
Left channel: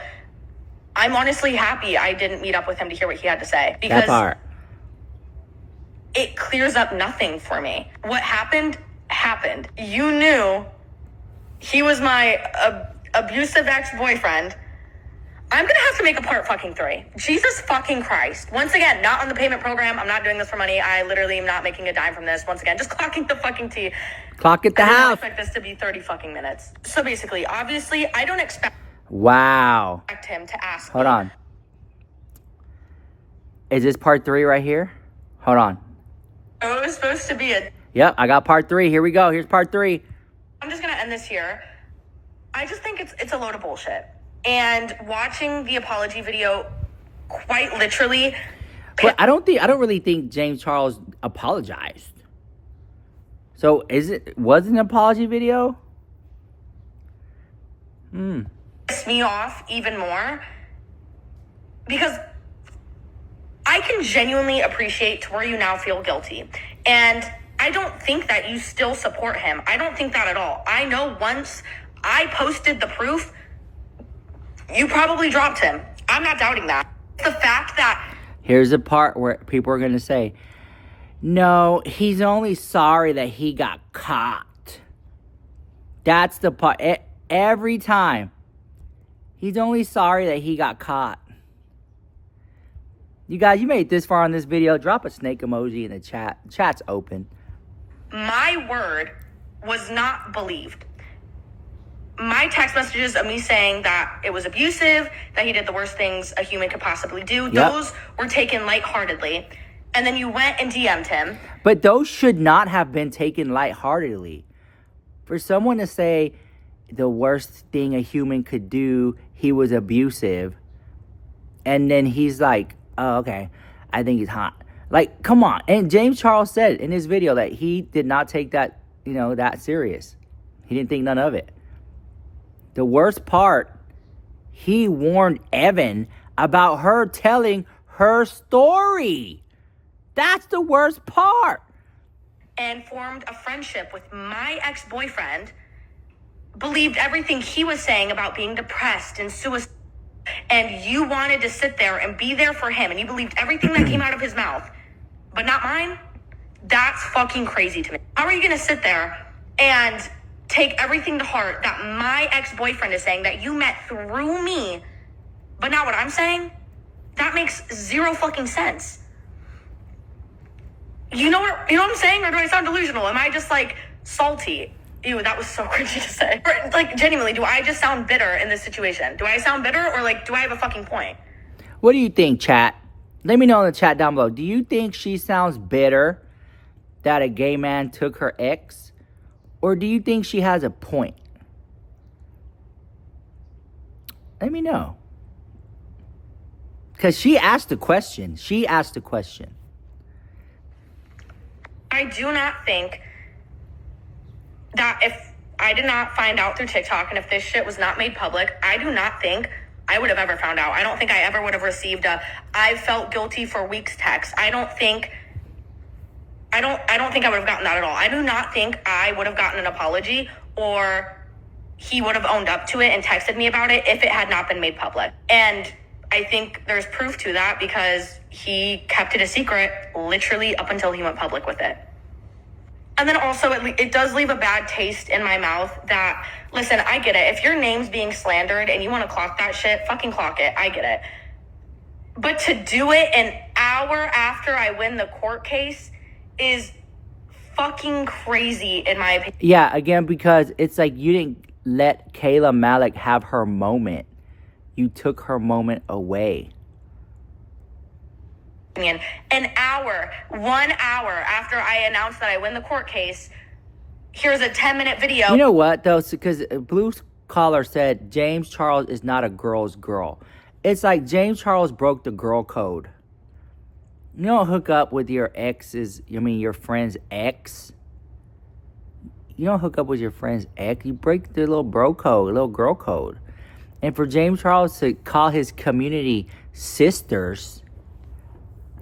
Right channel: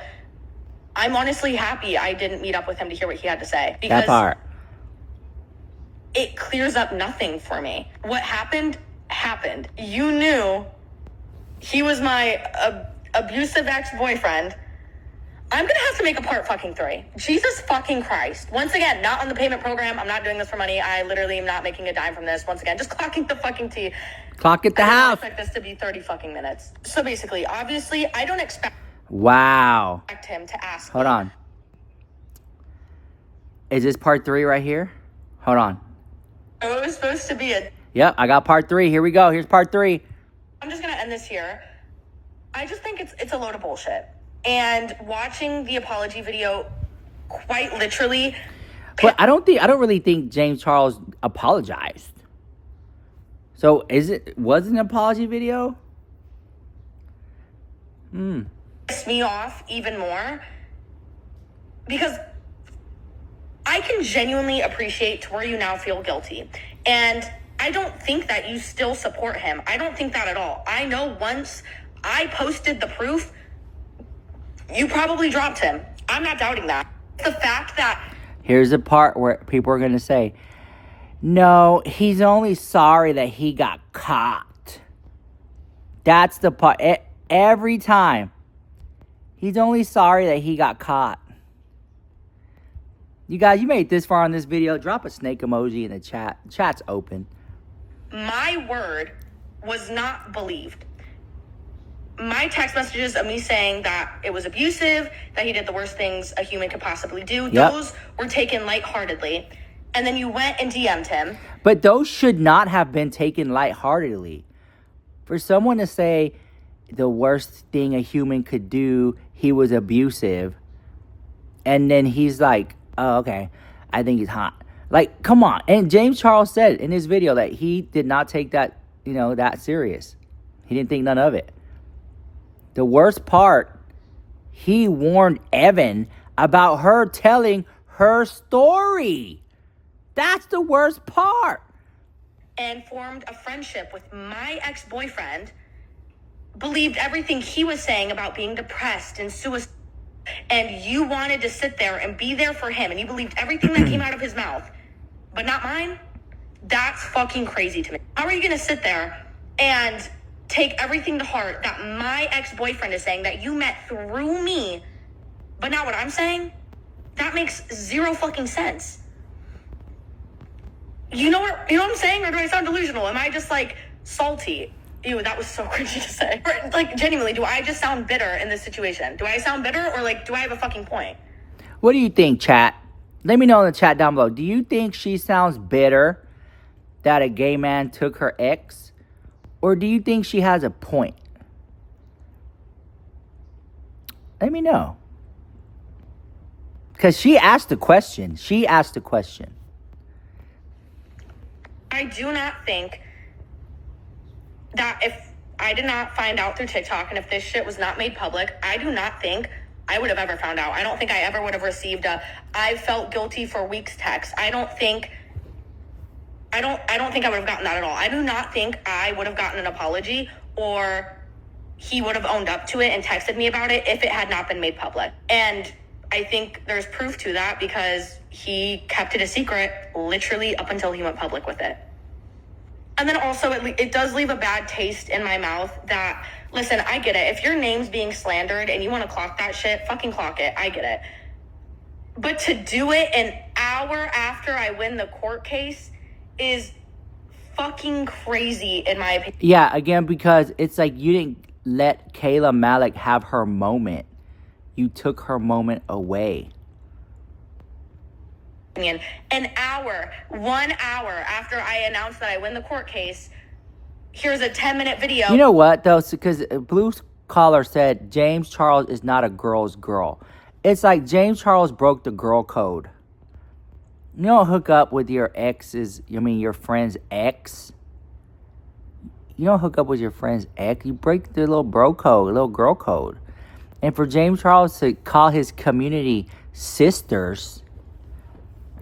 I'm honestly happy I didn't meet up with him to hear what he had to say. Because that part. It clears up nothing for me. What happened, happened. You knew he was my abusive ex-boyfriend. I'm going to have to make a part fucking 3. Jesus fucking Christ. Once again, not on the payment program. I'm not doing this for money. I literally am not making a dime from this. Once again, just clocking the fucking T. Clock at the house. I expect this to be 30 fucking minutes. So basically, obviously, I don't expect... Wow. Him to ask. Hold on. Is this part 3 right here? Hold on. Oh, it was supposed to be Yep, I got part 3. Here we go. Here's part 3. I'm just gonna end this here. I just think it's a load of bullshit. And watching the apology video, quite literally. But I don't really think James Charles apologized. So was it an apology video? Pissed me off even more because I can genuinely appreciate to where you now feel guilty. And I don't think that you still support him. I don't think that at all. I know once I posted the proof, you probably dropped him. I'm not doubting that. The fact that... Here's the part where people are going to say, no, he's only sorry that he got caught. That's the part. Every time. He's only sorry that he got caught. You guys, you made it this far on this video. Drop a snake emoji in the chat. Chat's open. My word was not believed. My text messages of me saying that it was abusive, that he did the worst things a human could possibly do, those were taken lightheartedly. And then you went and DM'd him. But those should not have been taken lightheartedly. For someone to say the worst thing a human could do, he was abusive, and then he's like, oh, okay, I think he's hot. Like, come on. And James Charles said in his video that he did not take that, that serious. He didn't think none of it. The worst part, he warned Evan about her telling her story. That's the worst part. And formed a friendship with my ex-boyfriend, believed everything he was saying about being depressed and suicide, and you wanted to sit there and be there for him, and you believed everything that came out of his mouth, but not mine? That's fucking crazy to me. How are you gonna sit there and take everything to heart that my ex-boyfriend is saying that you met through me, but not what I'm saying? That makes zero fucking sense. You know what I'm saying? Or do I sound delusional? Am I just like salty? Ew, that was so cringy to say. Like, genuinely, do I just sound bitter in this situation? Do I sound bitter, or like, do I have a fucking point? What do you think, chat? Let me know in the chat down below. Do you think she sounds bitter that a gay man took her ex? Or do you think she has a point? Let me know. Because she asked the question. I do not think that if I did not find out through TikTok and if this shit was not made public, I do not think I would have ever found out. I don't think I ever would have received I felt guilty for weeks text. I don't think I would have gotten that at all. I do not think I would have gotten an apology or he would have owned up to it and texted me about it if it had not been made public. And I think there's proof to that because he kept it a secret literally up until he went public with it. And then also it does leave a bad taste in my mouth that, listen, I get it. If your name's being slandered and you want to clock that shit, fucking clock it. I get it. But to do it an hour after I win the court case is fucking crazy in my opinion. Yeah, again, because it's like you didn't let Kayla Malecc have her moment. You took her moment away. An hour, 1 hour after I announced that I win the court case, here's a 10-minute video. You know what, though? Because Blue Collar said James Charles is not a girl's girl. It's like James Charles broke the girl code. You don't hook up with your your friend's ex. You don't hook up with your friend's ex. You break the little bro code, little girl code. And for James Charles to call his community sisters,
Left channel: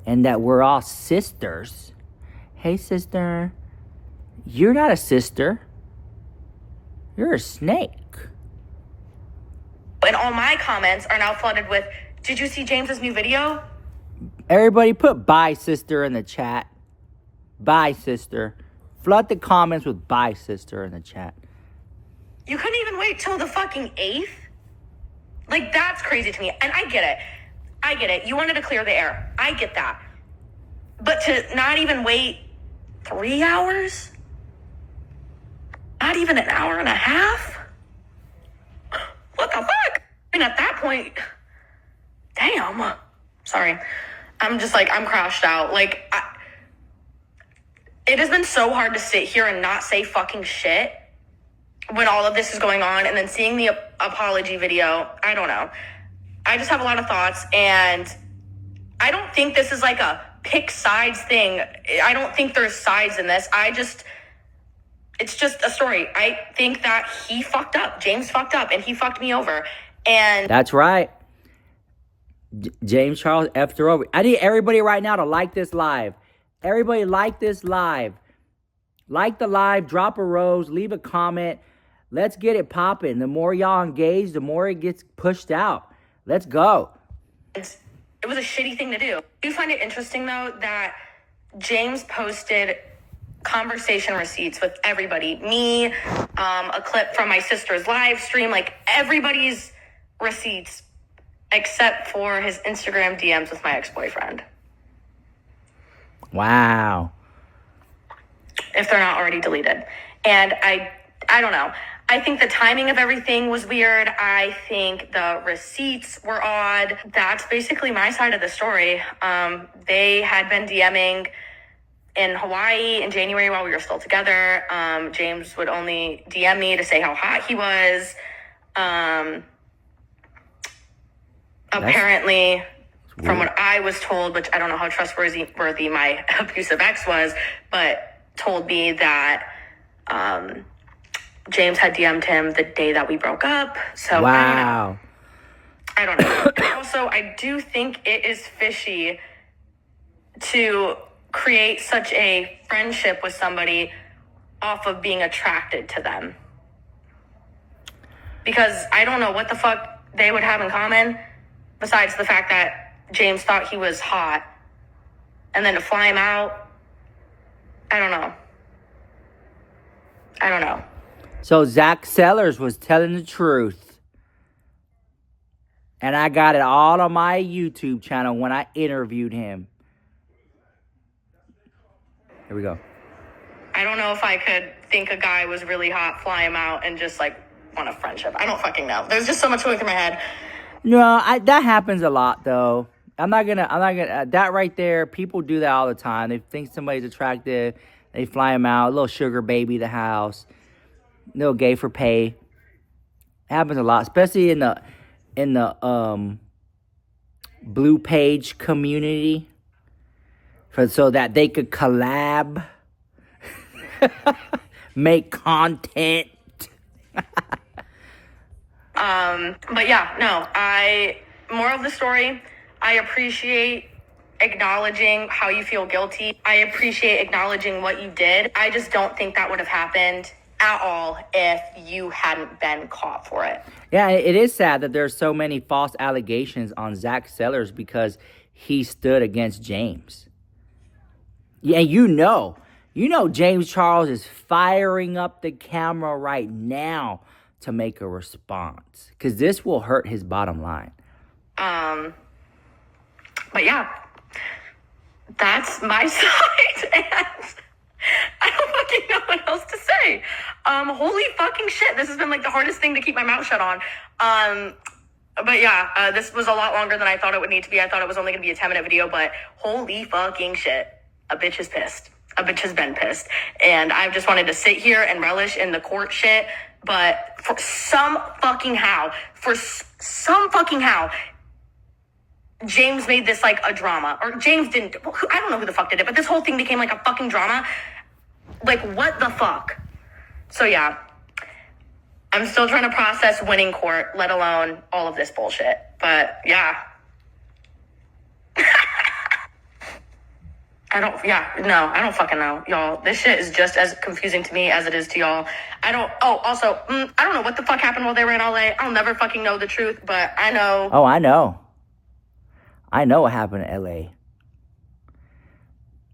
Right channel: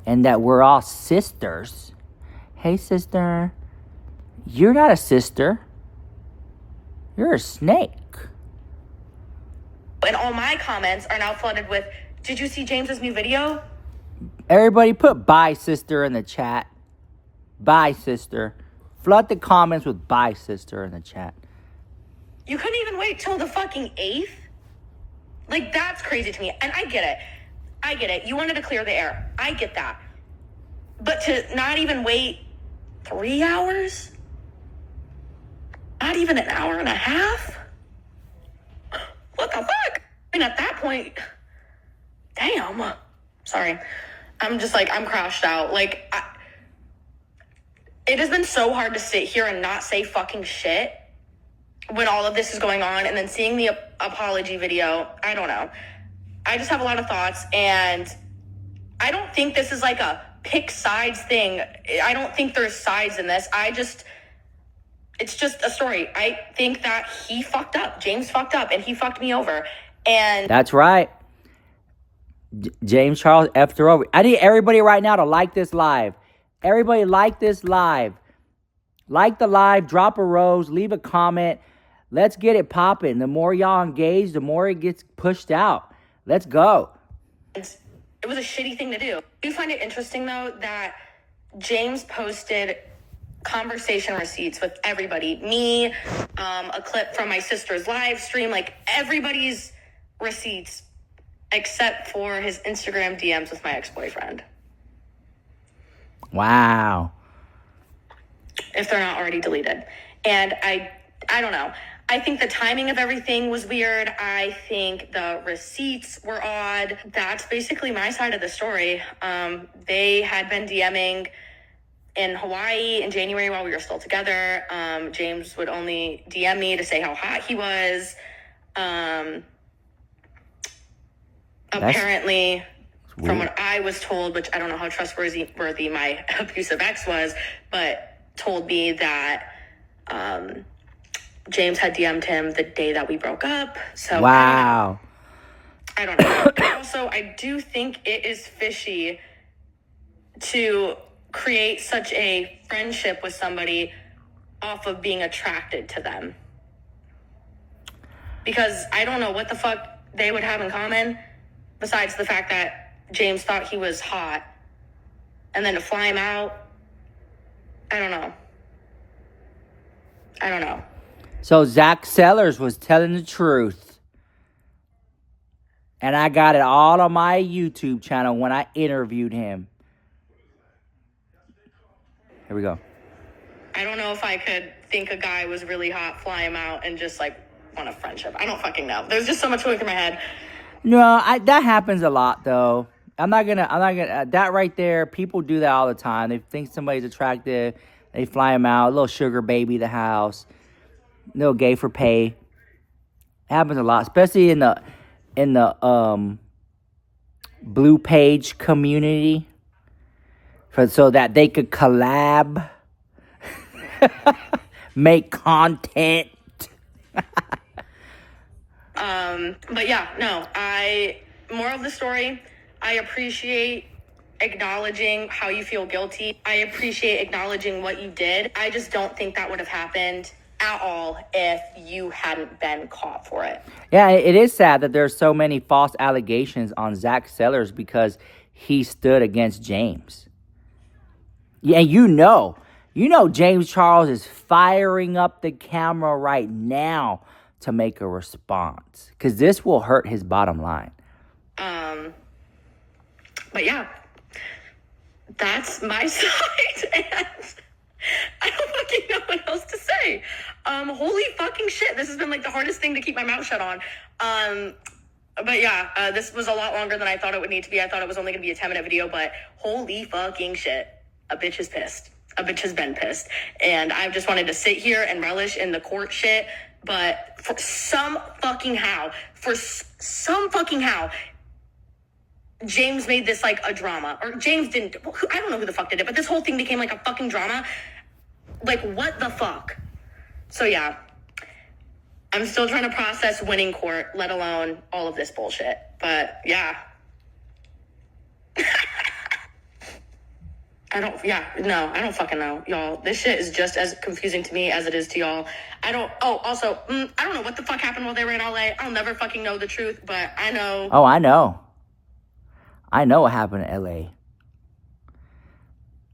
and that we're all sisters. Hey, sister. You're not a sister. You're a snake. And all my comments are now flooded with, did you see James's new video? Everybody put bye, sister, in the chat. Bye, sister. Flood the comments with bye, sister, in the chat. You couldn't even wait till the fucking 8th? Like, that's crazy to me. And I get it. You wanted to clear the air. I get that. But to not even wait 3 hours? Not even an hour and a half? What the fuck? point, damn. Sorry. I'm just like, I'm crashed out. Like, it has been so hard to sit here and not say fucking shit when all of this is going on, and then seeing the apology video. I don't know. I just have a lot of thoughts, and I don't think this is like a pick sides thing. I don't think there's sides in this. It's just a story. I think that he fucked up. James fucked up, and he fucked me over. And That's right. James Charles effed her over. I need everybody right now to like this live. Everybody like this live. Like the live, drop a rose, leave a comment. Let's get it popping. The more y'all engage, the more it gets pushed out. Let's go. it was a shitty thing to do. Do you find it interesting, though, that James posted conversation receipts with everybody? Me, a clip from my sister's live stream, like everybody's receipts except for his Instagram DMs with my ex-boyfriend. Wow. If they're not already deleted. And I don't know. I think the timing of everything was weird. I think the receipts were odd. That's basically my side of the story. They had been DMing in Hawaii in January while we were still together. James would only DM me to say how hot he was. Apparently, from what I was told, which I don't know how trustworthy my abusive ex was, but told me that James had DM'd him the day that we broke up. So wow. I don't know. And also, I do think it is fishy to create such a friendship with somebody off of being attracted to them. Because I don't know what the fuck they would have in common besides the fact that James thought he was hot. And then to fly him out, I don't know. So Zach Sellers was telling the truth. And I got it all on my YouTube channel when I interviewed him. Here we go. I don't know if I could think a guy was really hot, fly him out, and just like want a friendship. I don't fucking know. There's just so much going through my head. No, that happens a lot though. I'm not gonna, that right there, people do that all the time. They think somebody's attractive, they fly him out, a little sugar baby to the house, little gay for pay. It happens a lot, especially in the Blue Page community, so that they could collab, make content. But yeah, no, more of the story, I appreciate acknowledging how you feel guilty. I appreciate acknowledging what you did. I just don't think that would have happened at all if you hadn't been caught for it. Yeah, it is sad that there's so many false allegations on Zach Sellers because he stood against James. Yeah, you know James Charles is firing up the camera right now to make a response because this will hurt his bottom line. But yeah, that's my side, and I don't fucking know what else to say. Holy fucking shit, this has been like the hardest thing to keep my mouth shut on. But yeah, this was a lot longer than I thought it would need to be. I thought it was only gonna be a 10-minute video, but holy fucking shit, a bitch is pissed. A bitch has been pissed, and I've just wanted to sit here and relish in the court shit. But for some fucking how, James made this like a drama. Or James didn't. I don't know who the fuck did it, but this whole thing became like a fucking drama. Like, what the fuck? So yeah, I'm still trying to process winning court, let alone all of this bullshit. But yeah. I don't fucking know, y'all. This shit is just as confusing to me as it is to y'all. I don't know what the fuck happened while they were in LA. I'll never fucking know the truth, but I know. Oh, I know. I know what happened in LA.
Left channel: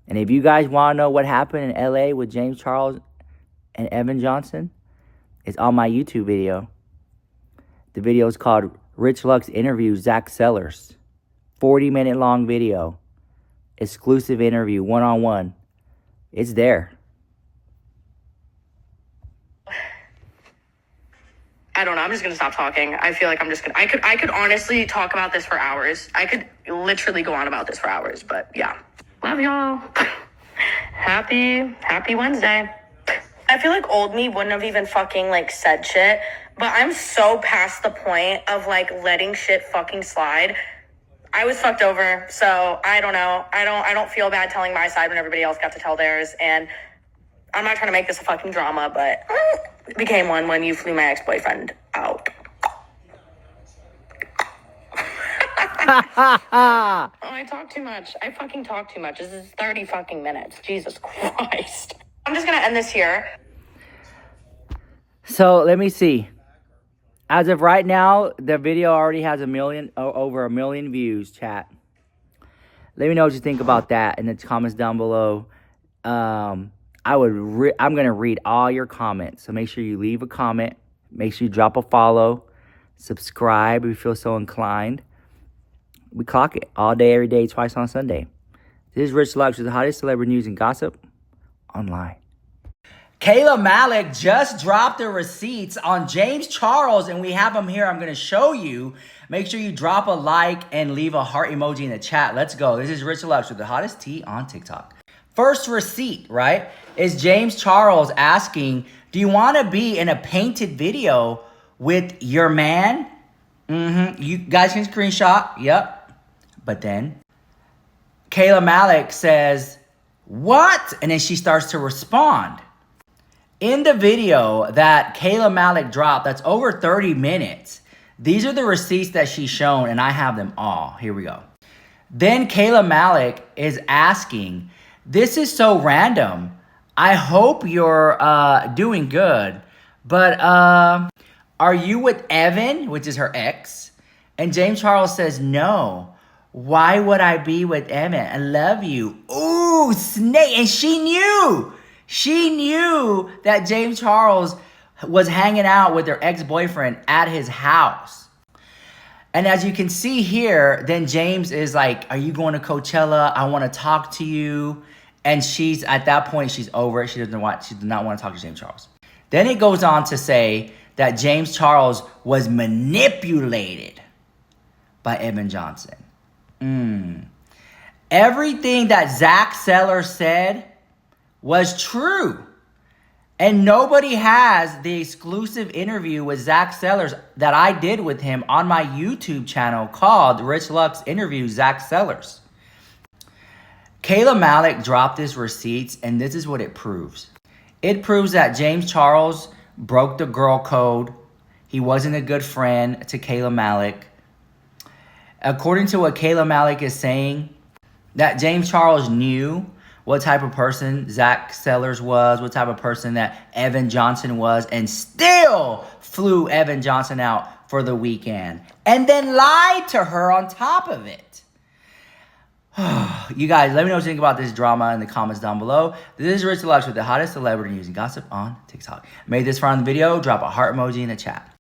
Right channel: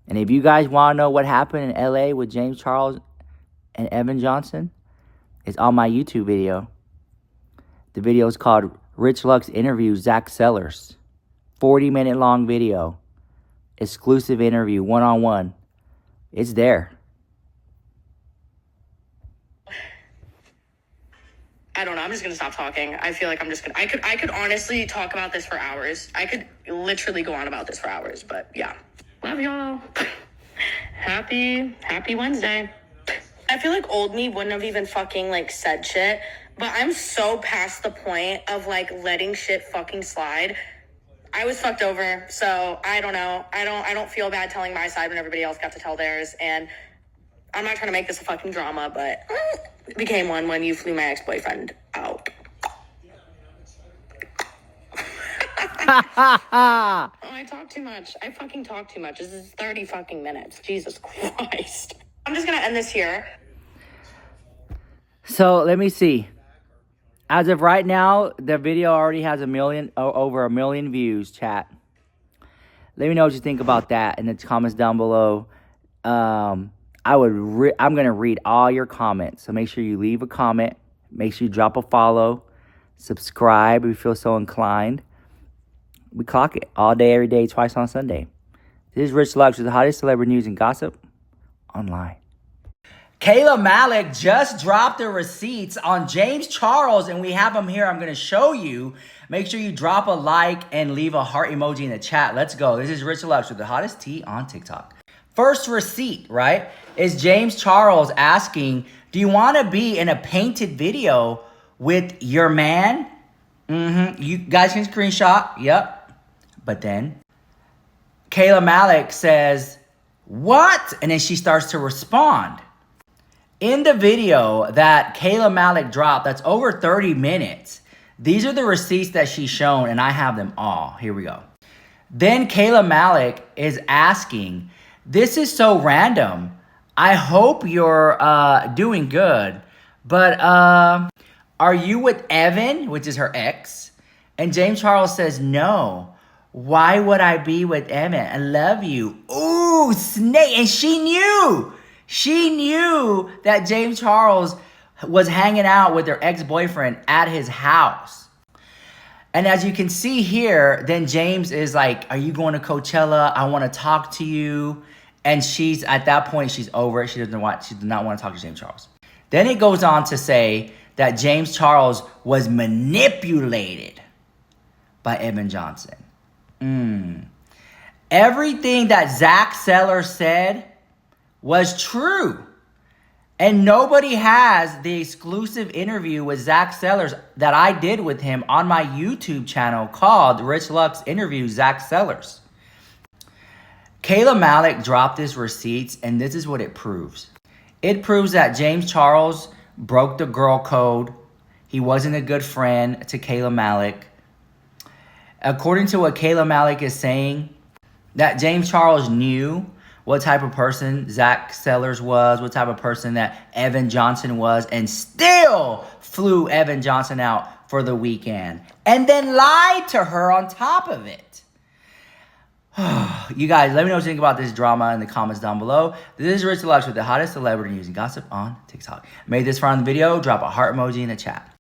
And if you guys want to know what happened in LA with James Charles and Evan Johnson, it's on my YouTube video. The video is called Rich Lux Interviews Zach Sellers. 40-minute long video. Exclusive interview, one-on-one. It's there. I don't know. I'm just gonna stop talking. I feel like I'm just gonna. I could honestly talk about this for hours. I could literally go on about this for hours. But yeah, love y'all. Happy Wednesday. I feel like old me wouldn't have even fucking like said shit. But I'm so past the point of like letting shit fucking slide. I was fucked over, so I don't know. I don't feel bad telling my side when everybody else got to tell theirs. And I'm not trying to make this a fucking drama, but it became one when you flew my ex-boyfriend out. Oh, I talk too much. I fucking talk too much. This is 30 fucking minutes. Jesus Christ. I'm just gonna end this here. So let me see. As of right now, the video already has over a million views, chat. Let me know what you think about that in the comments down below. I'm going to read all your comments. So make sure you leave a comment. Make sure you drop a follow. Subscribe if you feel so inclined. We clock it all day, every day, twice on Sunday. This is Rich Lux with the hottest celebrity news and gossip online. Kayla Malecc just dropped the receipts on James Charles, and we have them here. I'm going to show you. Make sure you drop a like and leave a heart emoji in the chat. Let's go. This is Rich Lux with the hottest tea on TikTok. First receipt, right, is James Charles asking, do you want to be in a painted video with your man? You guys can screenshot. Yep. But then Kayla Malecc says, what? And then she starts to respond. In the video that Kayla Malecc dropped, that's over 30 minutes, these are the receipts that she's shown, and I have them all. Here we go. Then Kayla Malecc is asking, this is so random. I hope you're doing good, but are you with Evan, which is her ex? And James Charles says, no. Why would I be with Evan? I love you. Ooh, snake. And she knew. She knew that James Charles was hanging out with her ex-boyfriend at his house. And as you can see here, then James is like, are you going to Coachella? I want to talk to you. And she's, at that point, she's over it. She did not want to talk to James Charles. Then it goes on to say that James Charles was manipulated by Evan Johnson. Everything that Zach Sellers said was true. And nobody has the exclusive interview with Zach Sellers that I did with him on my YouTube channel called Rich Lux Interviews Zach Sellers. Kayla Malecc dropped his receipts, and this is what it proves. It proves that James Charles broke the girl code. He wasn't a good friend to Kayla Malecc. According to what Kayla Malecc is saying, that James Charles knew what type of person Zach Sellers was, what type of person that Evan Johnson was, and still flew Evan Johnson out for the weekend. And then lied to her on top of it. You guys, let me know what you think about this drama in the comments down below. This is Rich Lux with the hottest celebrity news and gossip on TikTok. Made this fun on the video. Drop a heart emoji in the chat.